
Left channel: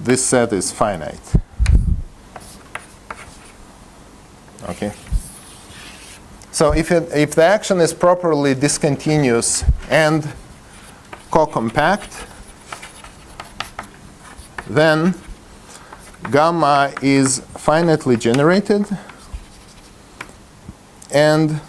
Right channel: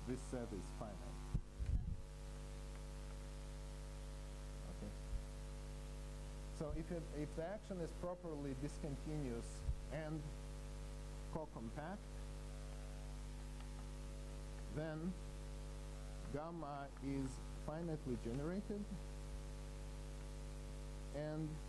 this set is finite. Okay. So if the action is properly discontinuous and co-compact, then gamma is finitely generated, and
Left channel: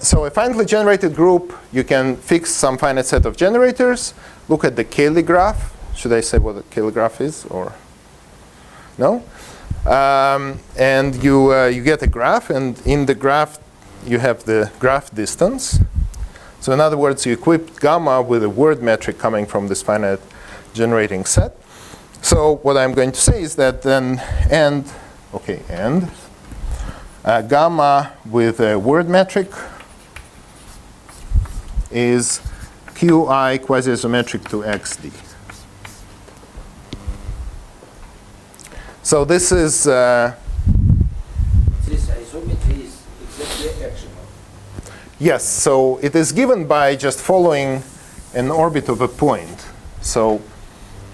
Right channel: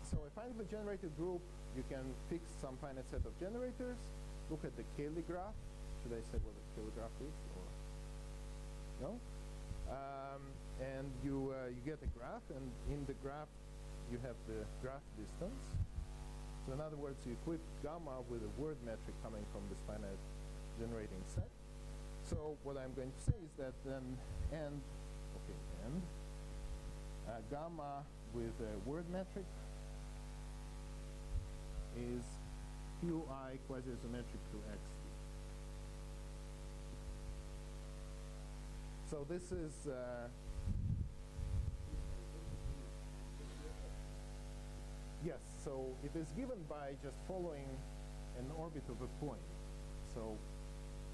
so a finitely generated group, you can fix some finite set of generators. Look at the Cayley graph. Should I say what the Cayley graph is, or no? And you get a graph, and in the graph you have the graph distance. So in other words, you equip gamma with a word metric coming from this finite generating set. So what I'm going to say is that then gamma with a word metric is Qi quasi-isometric to XD. So this is This isometry is exactly actional. yes. So it is given by just following an orbit of a point. So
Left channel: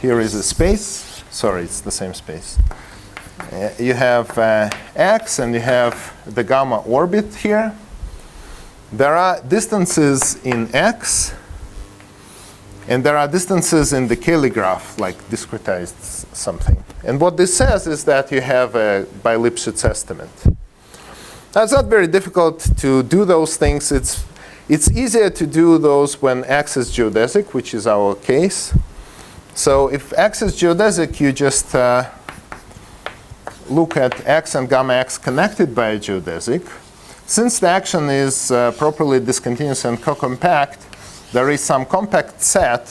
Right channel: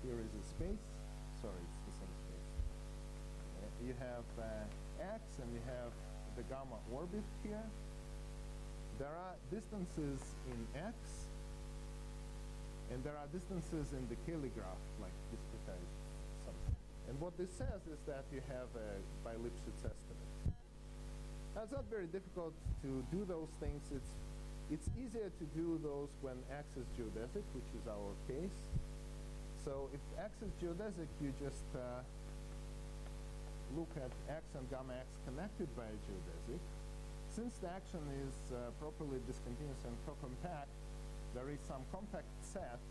here is a space. Sorry, it's the same space. You have X, and you have the gamma orbit here. There are distances in X, and there are distances in the Cayley graph, like discretized something. And what this says is that you have a by Lipschitz estimate. Now, it's not very difficult to do those things. It's easier to do those when X is geodesic, which is our case. So if X is geodesic, you just look at X and gamma X connected by a geodesic. Since the action is properly discontinuous and co-compact, there is some compact set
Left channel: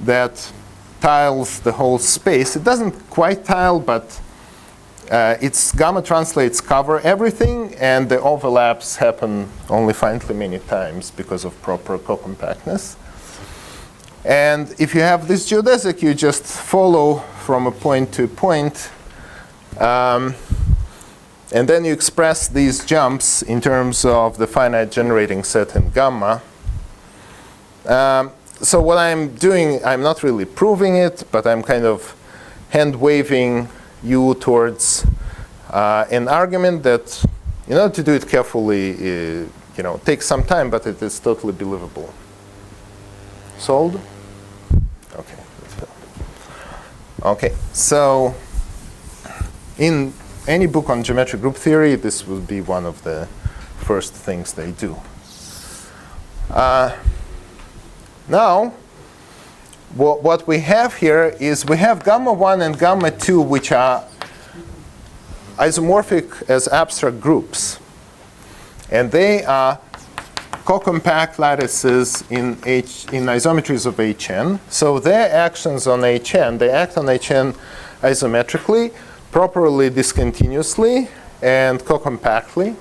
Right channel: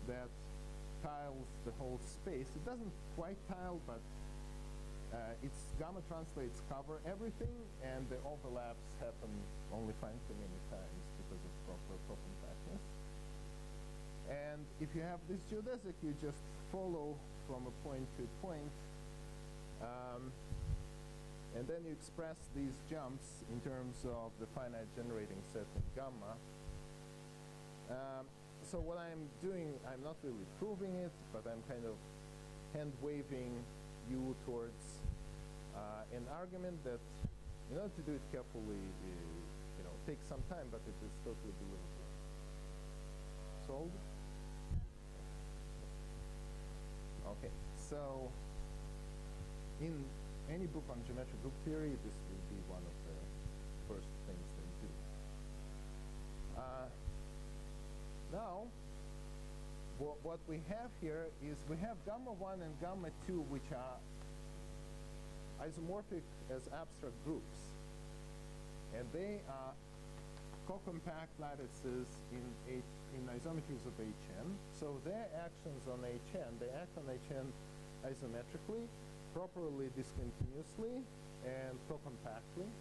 that tiles the whole space. It doesn't quite tile, but its gamma translates cover everything, and the overlaps happen only finitely many times because of proper co-compactness. And if you have this geodesic, you just follow from a point to point. And then you express these jumps in terms of the finite generating set in gamma. So what I'm doing, I'm not really proving it, but I'm kind of hand-waving you towards an argument that, in order to do it carefully, takes some time, but it is totally believable. Sold? Okay. Okay. So in any book on geometric group theory, this will be one of the first things they do. Now, what we have here is we have gamma 1 and gamma 2, which are isomorphic as abstract groups. And they are co-compact lattices in isometries of Hn. So their actions on Hn, they act on Hn isometrically, properly discontinuously, and co-compactly.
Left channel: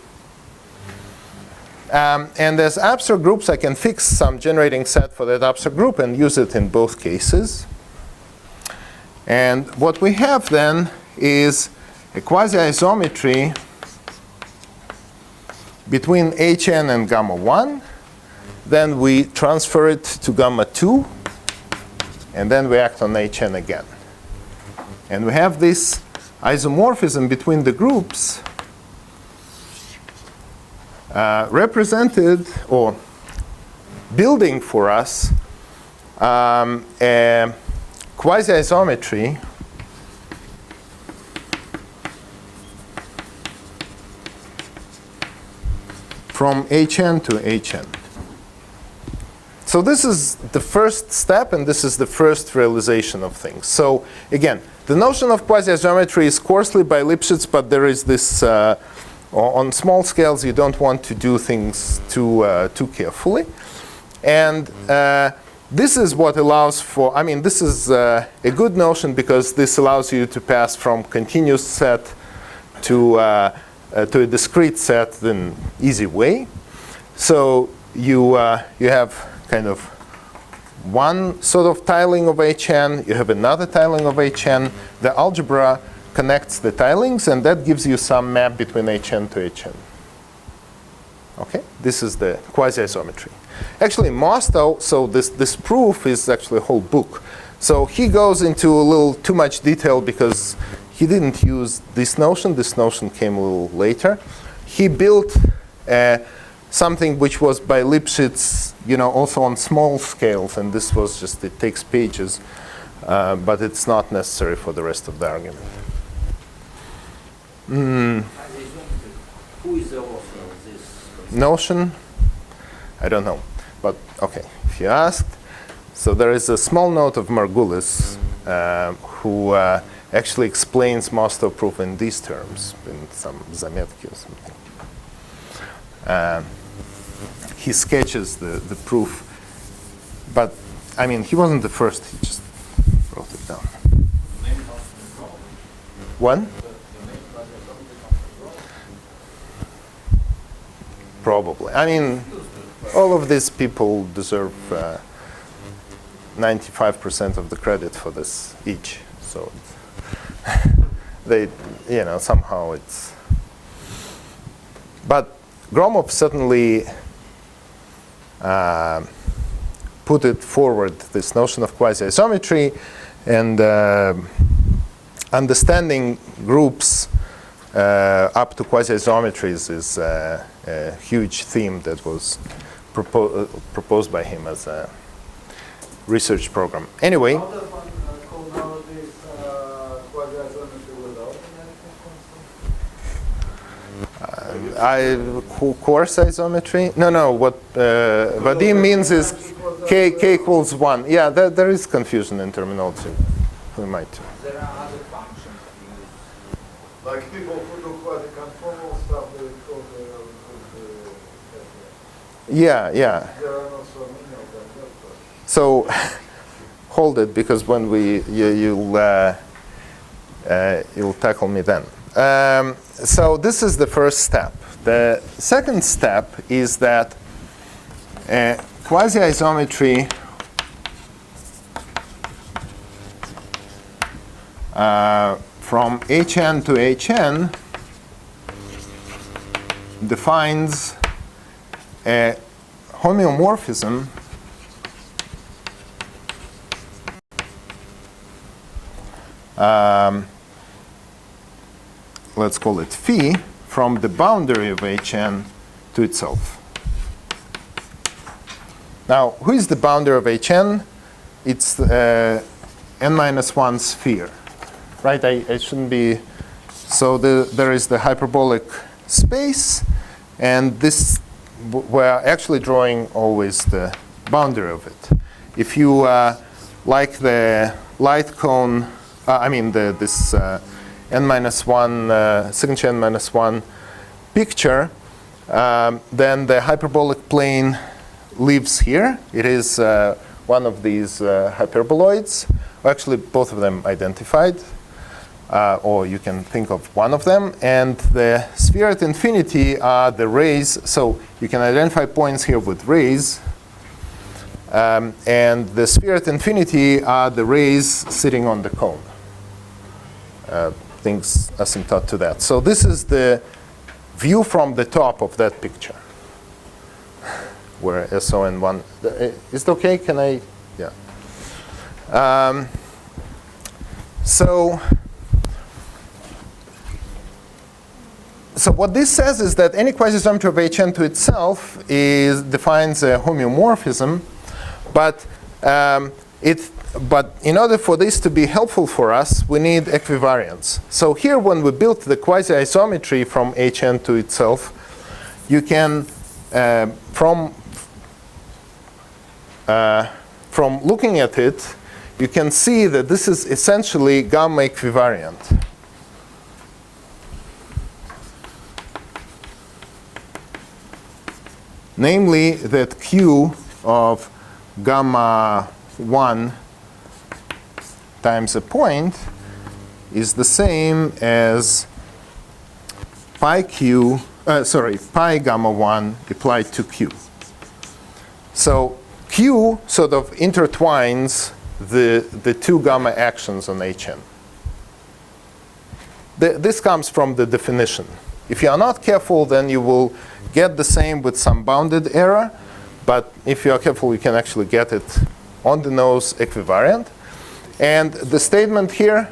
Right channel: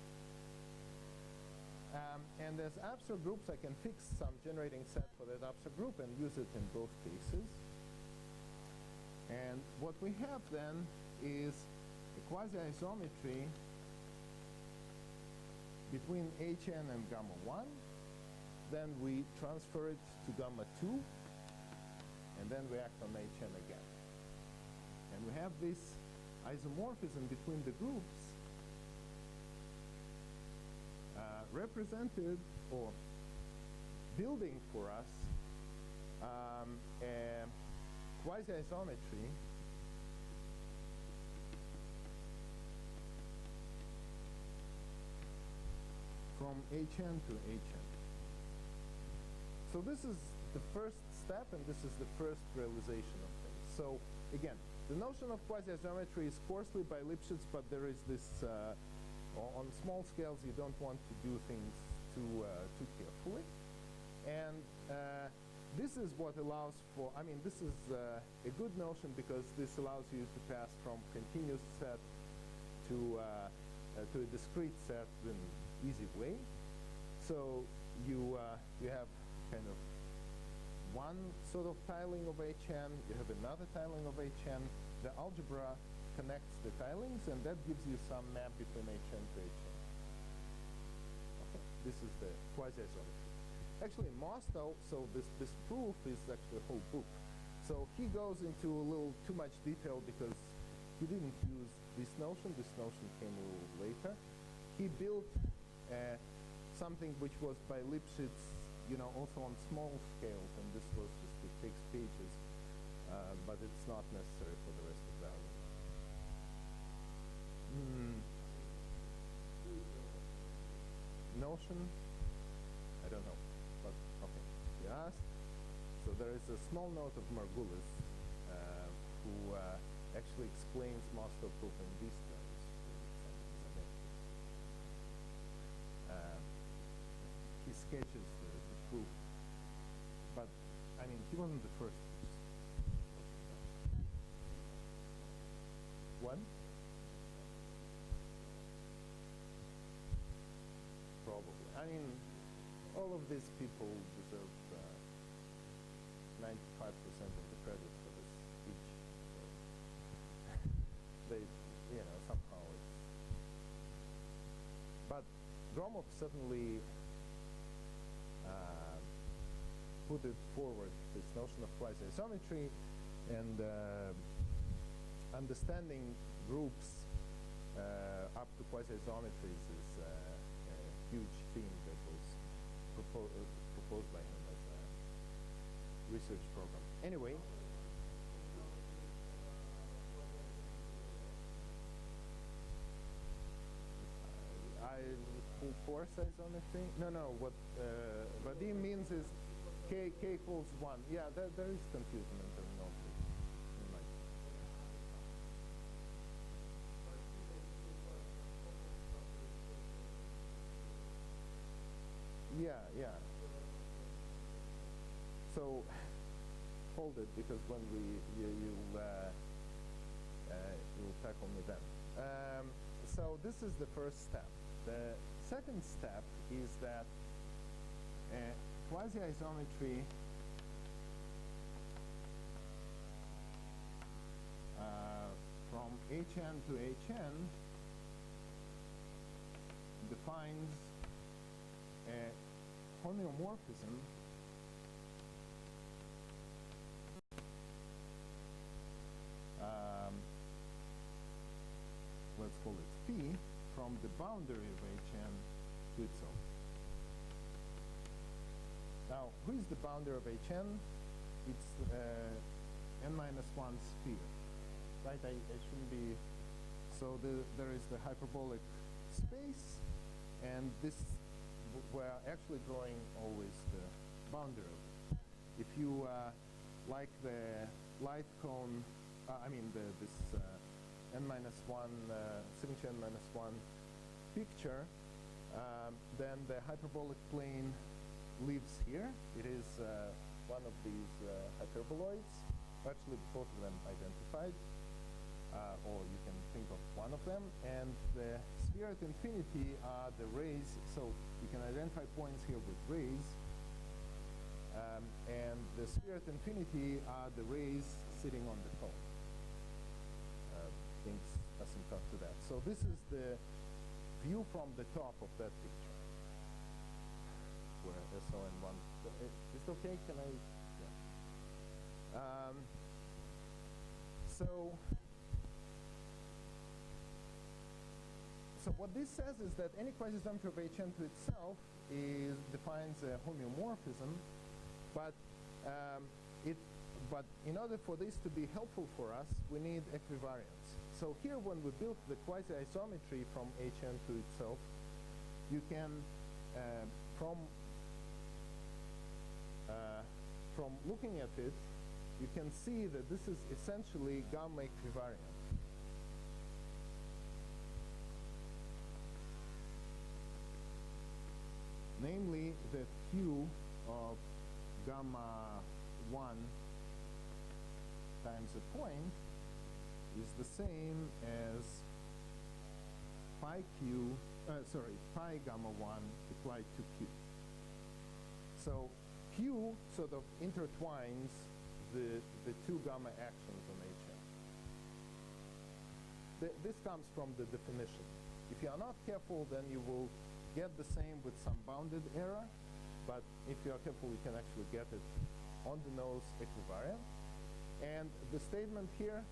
And as abstract groups, I can fix some generating set for that abstract group and use it in both cases. And what we have then is a quasi-isometry between Hn and gamma 1. Then we transfer it to gamma 2. And then we act on Hn again. And we have this isomorphism between the groups represented or building for us a quasi-isometry from Hn to Hn. So this is the first step, and this is the first realization of things. So again, the notion of quasi-isometry is coarsely by Lipschitz, but there is this, on small scales, you don't want to do things too carefully. And this is what allows for, I mean, this is a good notion because this allows you to pass from continuous set to a discrete set in an easy way. So you have kind of one sort of tiling of Hn, you have another tiling of Hn. The algebra connects the tilings, and that gives you some map between Hn to Hn. Okay, this is the quasi-isometry. Actually, Mostow, so this proof is actually a whole book. So he goes into a little too much detail because he didn't use this notion. This notion came a little later. He built something which was by Lipschitz, also on small scales, and this was just, it takes pages, but it's not necessary for the rest of the argument. Who is the author of this Notion? I don't know, but okay, if you asked. So there is a small note of Margulis who actually explains Mostow proof in these terms, in some zametki or something. He sketches the proof, but I mean, he wasn't the first, he just wrote it down. One? Probably. I mean, all of these people deserve 95% of the credit for this each. So they, somehow it's. But Gromov certainly put it forward, this notion of quasi-isometry, and understanding groups up to quasi-isometries is a huge theme that was proposed by him as a research program. Anyway. How does one call nowadays quasi-isometry without an Coarse isometry? No. What Vadim means is k equals 1. Yeah, there is confusion in terminology. We might. There are other functions used. Like people who do quasi-conformal stuff, they call Yeah. there are not so many of them. So hold it, because when you'll tackle me then. So this is the first step. The second step is that quasi-isometry from Hn to Hn defines a homeomorphism let's call it phi from the boundary of Hn to itself. Now, who is the boundary of Hn? It's n-1 sphere, right? I shouldn't be. So there is the hyperbolic space, and this we're actually drawing always the boundary of it. If you like the light cone, this n-1 signature n-1 picture, Then the hyperbolic plane lives here. It is one of these hyperboloids. Actually, both of them identified, or you can think of one of them. And the sphere at infinity are the rays. So you can identify points here with rays. And the sphere at infinity are the rays sitting on the cone. Things asymptote to that. So this is the view from the top of that picture, where SON1, is it okay? Can I, yeah. So what this says is that any quasi-geometry of Hn to itself defines a homeomorphism, but but in order for this to be helpful for us, we need equivariance. So here, when we built the quasi-isometry from Hn to itself, you can, from looking at it, you can see that this is essentially gamma equivariant. Namely, that Q of gamma 1 times a point is the same as pi gamma 1 applied to Q. So Q sort of intertwines the two gamma actions on Hn. This comes from the definition. If you are not careful, then you will get the same with some bounded error. But if you are careful, you can actually get it on the nose equivariant. And the statement here,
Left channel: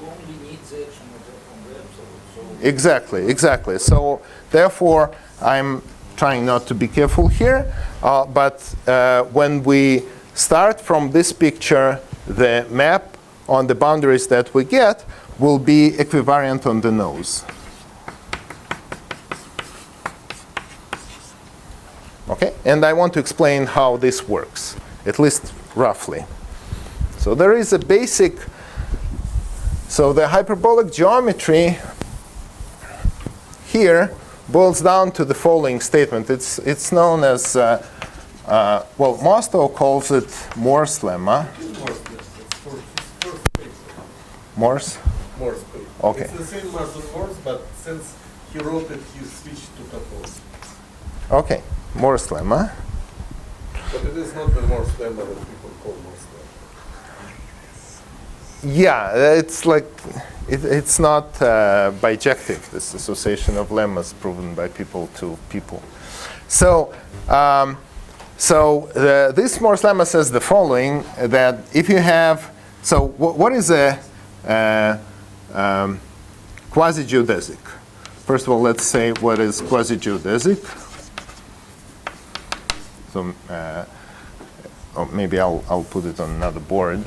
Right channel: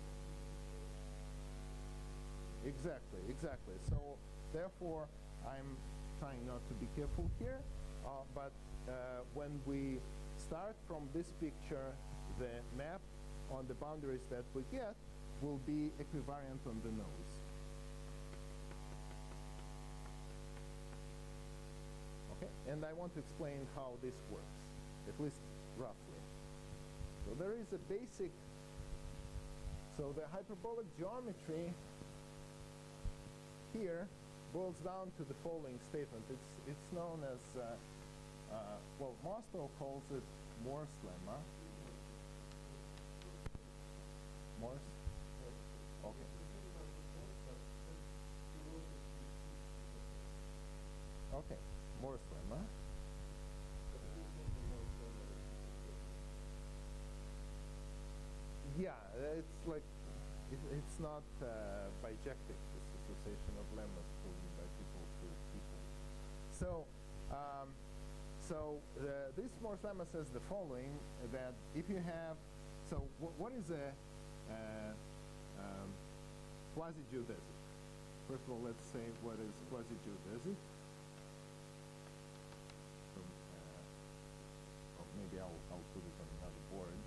You only need the action from the absolute. exactly. So therefore, I'm trying not to be careful here. But when we start from this picture, the map on the boundaries that we get will be equivariant on the nose. Okay, and I want to explain how this works, at least roughly. So there is a basic, so the hyperbolic geometry here boils down to the following statement. It's known as, well, Mostow calls it Morse lemma. Morse? Morse. Okay. It's the same as on Morse, but since he wrote it, he switched to Kapos. Okay, Morse lemma. But it is not the Morse lemma that people call Morse lemma. Yeah, it's like, it's not bijective, this association of lemmas proven by people to people. So, this Morse lemma says the following, that if you have, so what is a quasi-geodesic? First of all, let's say what is quasi-geodesic. So or maybe I'll put it on another board.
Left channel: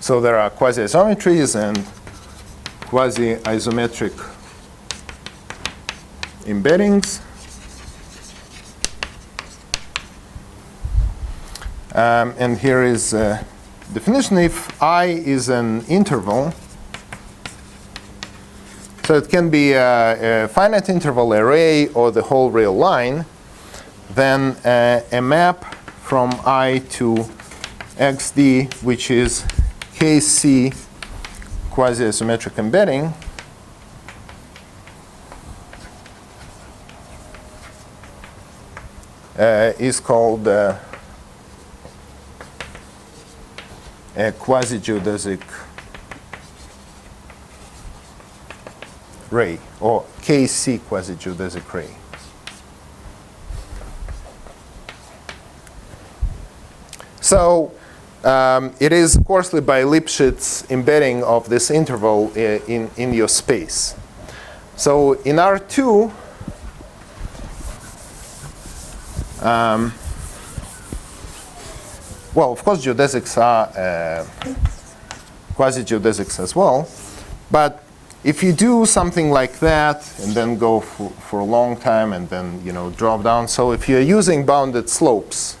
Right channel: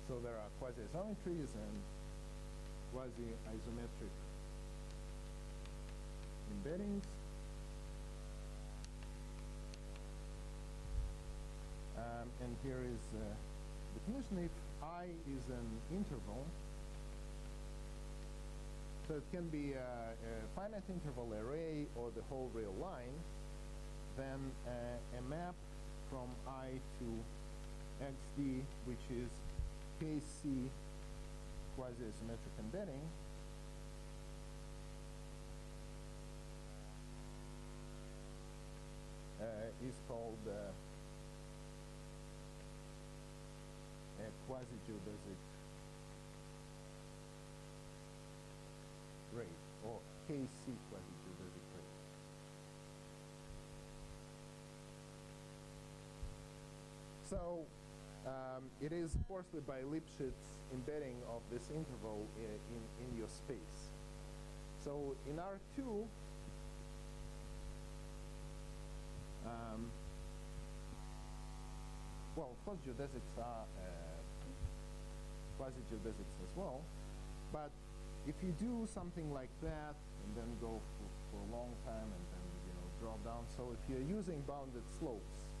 So there are quasi-isometries and quasi-isometric embeddings. And here is a definition. If I is an interval, so it can be a finite interval array or the whole real line, then a map from I to xd, which is KC quasi-isometric embedding, is called a quasi-geodesic ray, or KC quasi-geodesic ray. So it is coarsely by Lipschitz embedding of this interval in your space. So in R2, well, of course, geodesics are quasi-geodesics as well. But if you do something like that and then go for a long time and then drop down, so if you're using bounded slopes,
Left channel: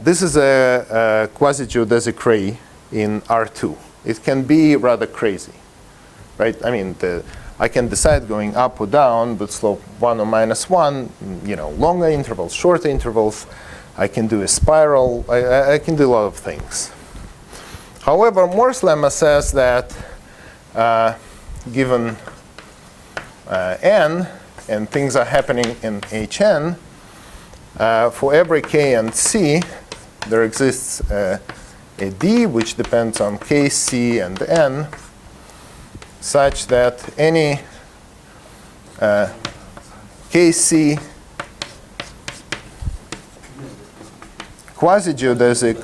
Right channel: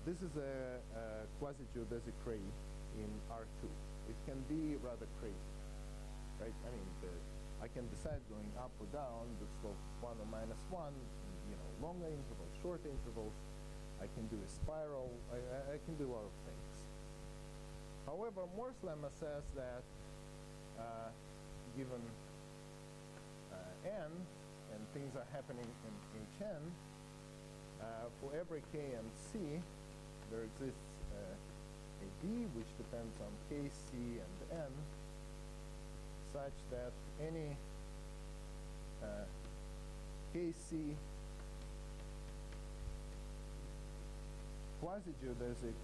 this is a quasi-geodesic ray in R2. It can be rather crazy, right? I mean, I can decide going up or down with slope 1 or -1, longer intervals, shorter intervals. I can do a spiral. I can do a lot of things. However, Moore's lemma says that given n, and things are happening in Hn, for every k and c, there exists a d which depends on k, c, and n, such that any kc quasi-geodesic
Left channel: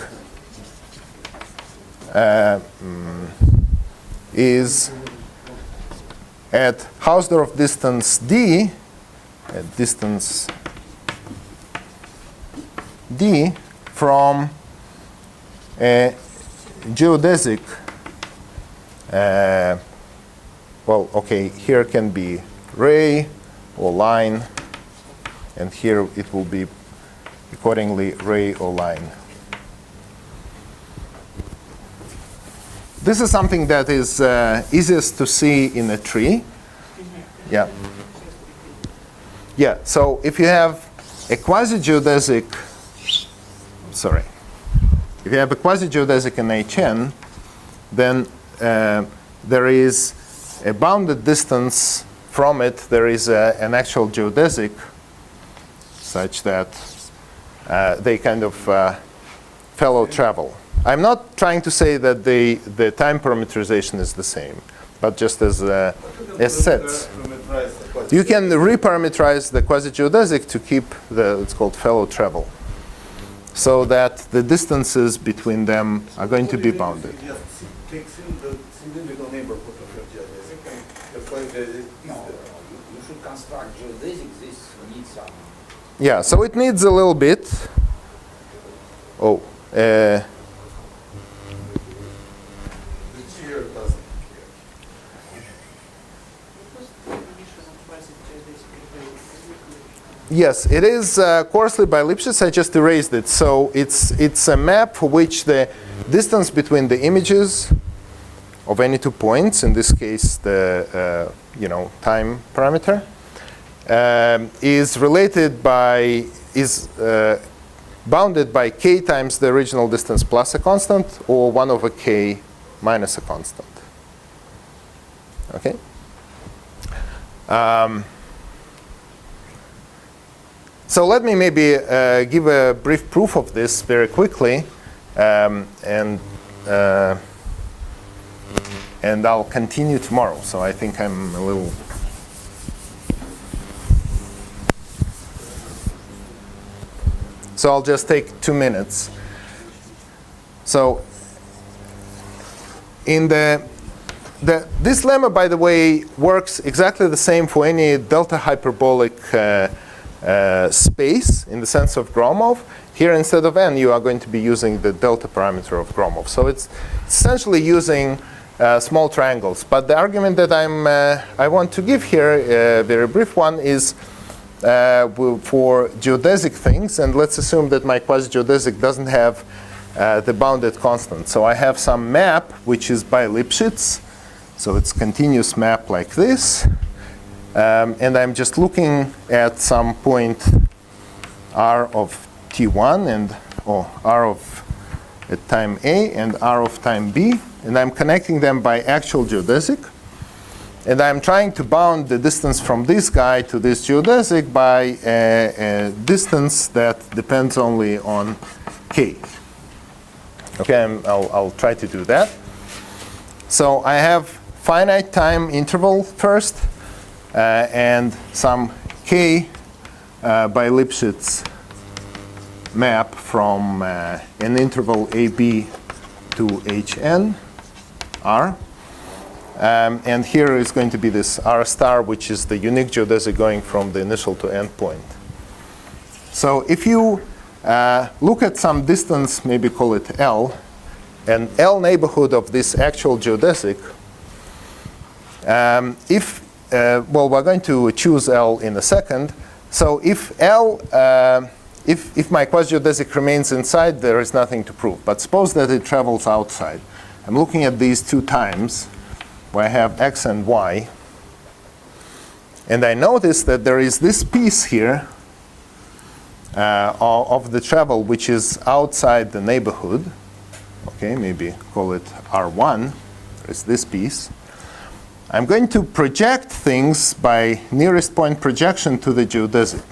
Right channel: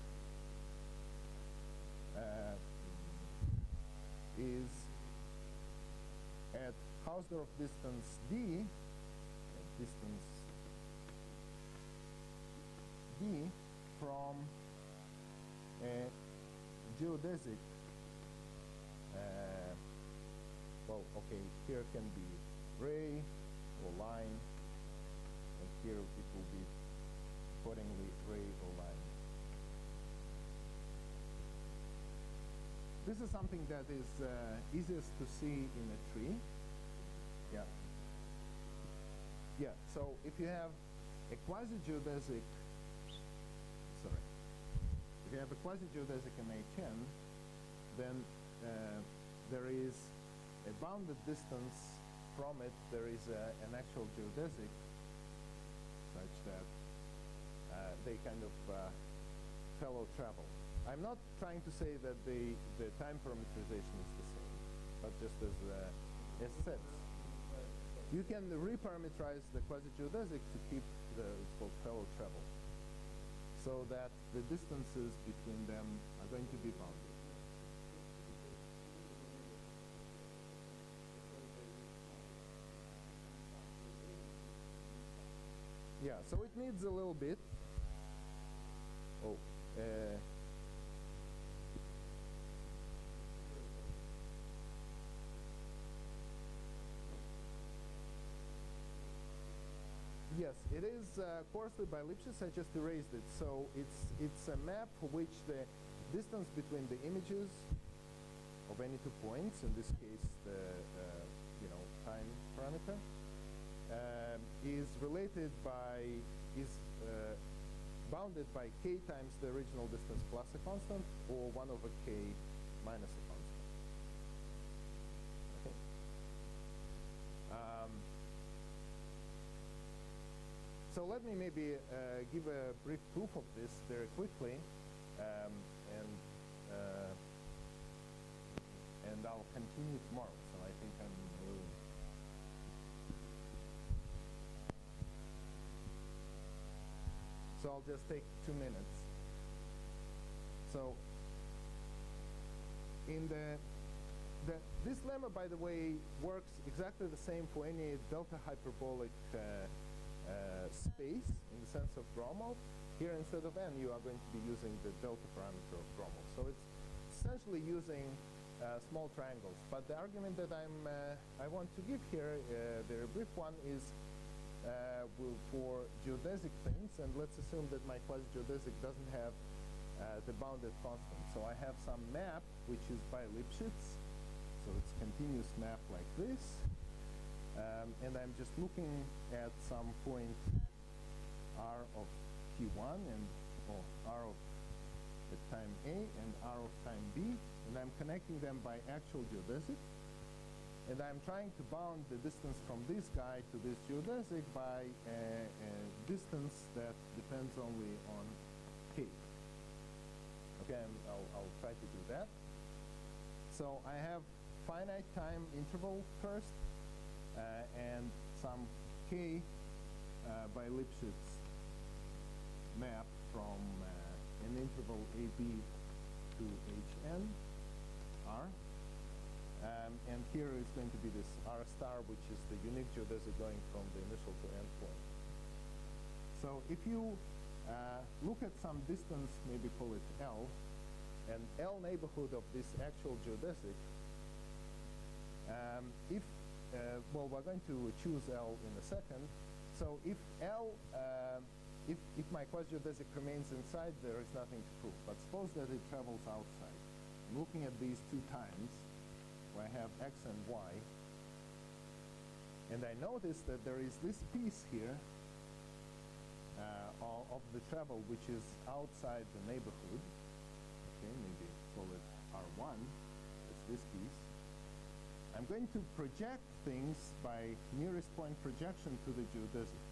is at Hausdorff distance d, at distance d from a geodesic, well, okay, here can be ray or line, and here it will be accordingly ray or line. This is something that is easiest to see in a tree. Yeah. Yeah, so if you have a quasi-geodesic, sorry, if you have a quasi-geodesic in Hn, then there is a bounded distance from it. There is an actual geodesic such that they kind of fellow travel. I'm not trying to say that the time parameterization is the same, but just as sets. You can reparameterize the quasi-geodesic to keep it's called fellow travel, so that the distances between them are going to be bounded. Take the cylindrical neighborhood of your geodesic and apply the You should construct geodesic. This needs some. Yeah, so it needs a little bit. Oh. Yes, it is coarsely by Lipschitz. I just erased it. So it's a map for which the distance between the images of any 2 points, in this case the time parameter, is bounded by k times the original distance plus a constant, or 1 over k minus a constant. Okay. So let me maybe give a brief proof of this very quickly, and I'll continue tomorrow. So I think I'm a little. So I'll just take 2 minutes. So in this lemma, by the way, works exactly the same for any delta hyperbolic space in the sense of Gromov. Here, instead of n, you are going to be using the delta parameter of Gromov. So it's essentially using small triangles. But the argument that I want to give here, a very brief one, is for geodesic things. And let's assume that my quasi-geodesic doesn't have the bounded constant. So I have some map which is by Lipschitz. So it's continuous map like this. And I'm just looking at some point r of t1 and r of at time a and r of time b, and I'm connecting them by actual geodesic, and I'm trying to bound the distance from this guy to this geodesic by a distance that depends only on k. Okay, I'll try to do that. So I have finite time interval first. And some k by Lipschitz map from an interval AB to Hn, R. And here is going to be this R star, which is the unique geodesic going from the initial to end point. So if you look at some distance, maybe call it L, and L neighborhood of this actual geodesic, well, we're going to choose L in a second. So if L, if my quasi-geodesic remains inside, there is nothing to prove. But suppose that it travels outside. I'm looking at these two times where I have x and y. And I notice that there is this piece here of the travel which is outside the neighborhood. Okay, maybe call it R1. There's this piece. I'm going to project things by nearest point projection to the geodesic.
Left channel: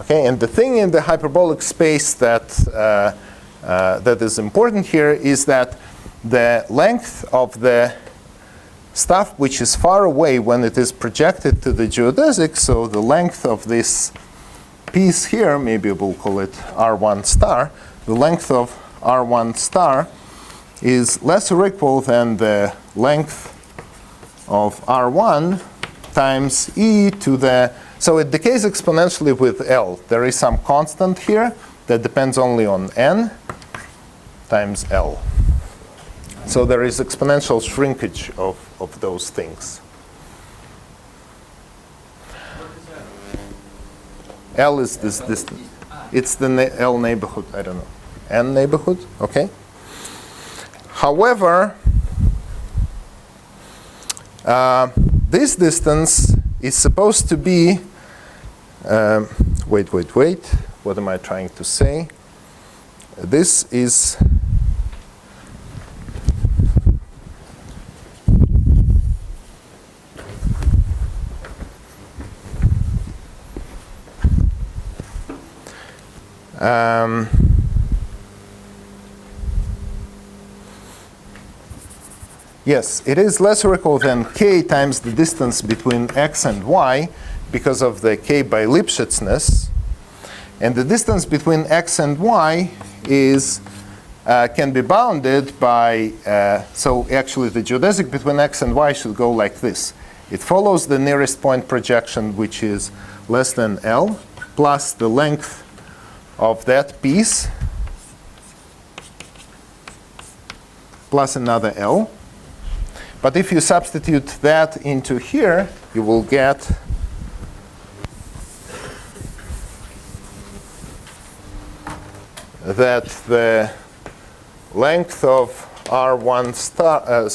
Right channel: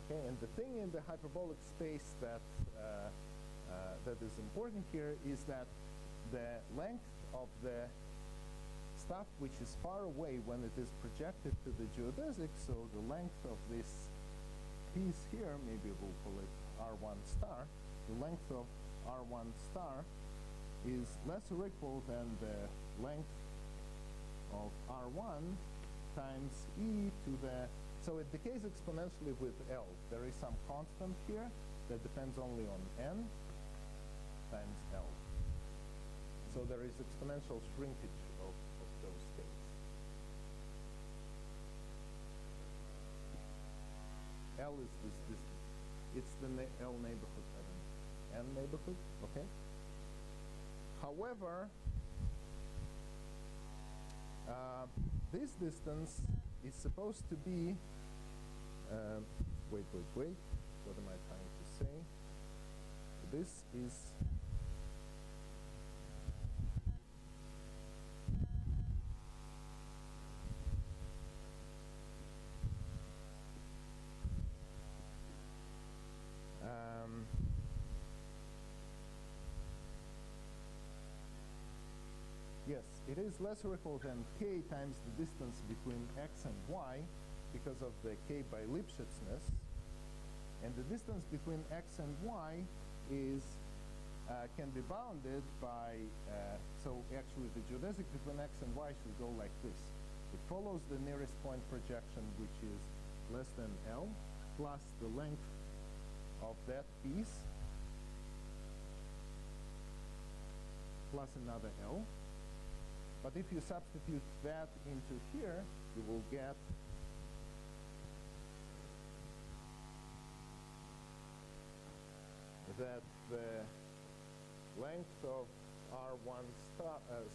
Okay, and the thing in the hyperbolic space that that is important here is that the length of the stuff which is far away when it is projected to the geodesic, so the length of this piece here, maybe we'll call it R1 star, the length of R1 star is less or equal than the length of R1 times e to the, so it decays exponentially with L. There is some constant here that depends only on n times L. So there is exponential shrinkage of those things. L is this distance. It's the L neighborhood, I don't know. N neighborhood, okay. However, this distance is supposed to be, wait, what am I trying to say? This is, yes, it is less or equal than k times the distance between x and y because of the k by Lipschitzness. And the distance between x and y is can be bounded by, so actually the geodesic between x and y should go like this. It follows the nearest point projection, which is less than L, plus the length of that piece, plus another L. But if you substitute that into here, you will get that the length of R1 star,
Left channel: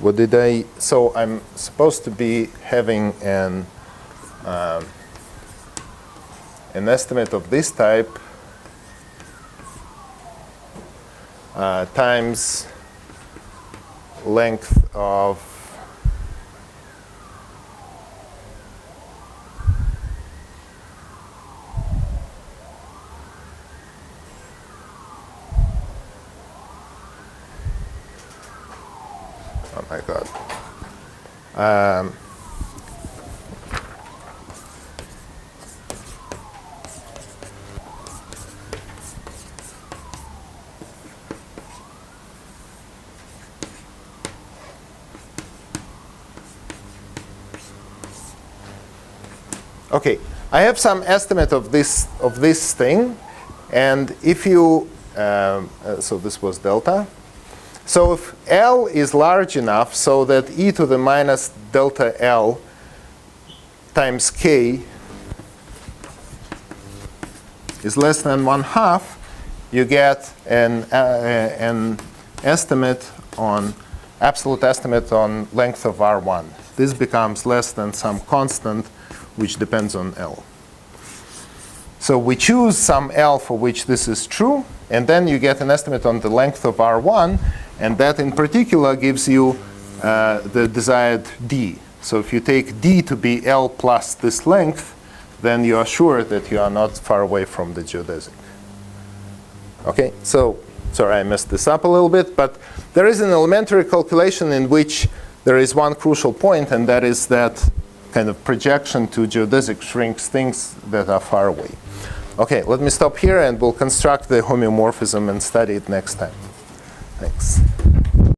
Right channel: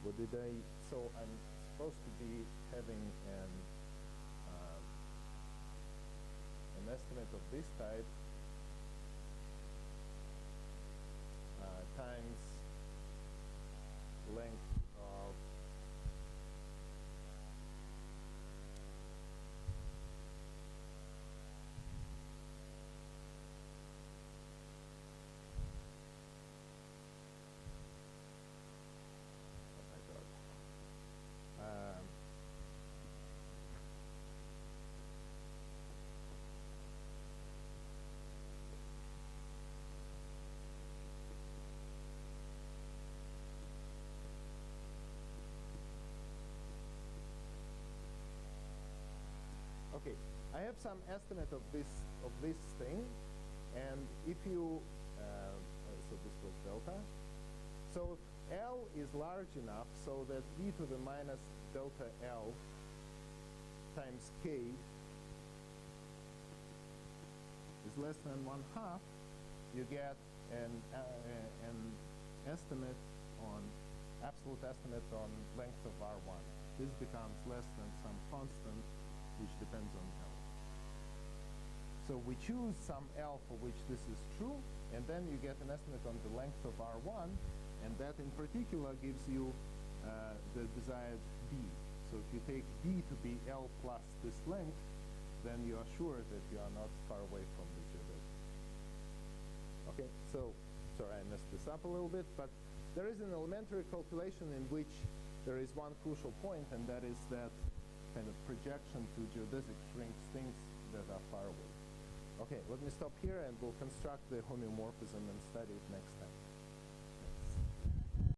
what did I, so I'm supposed to be having an estimate of this type times length of oh my God. Okay, I have some estimate of this thing, and if you so this was delta. So if L is large enough so that e to the minus delta L times k is less than 1/2, you get an estimate on, absolute estimate on length of R1. This becomes less than some constant which depends on L. So we choose some L for which this is true, and then you get an estimate on the length of R1, and that in particular gives you the desired D. So if you take D to be L plus this length, then you are sure that you are not far away from the geodesic. Okay, so sorry I messed this up a little bit, but there is an elementary calculation in which there is one crucial point, and that is that kind of projection to geodesic shrinks things that are far away. Okay, let me stop here and we'll construct the homeomorphism and study it next time. Thanks.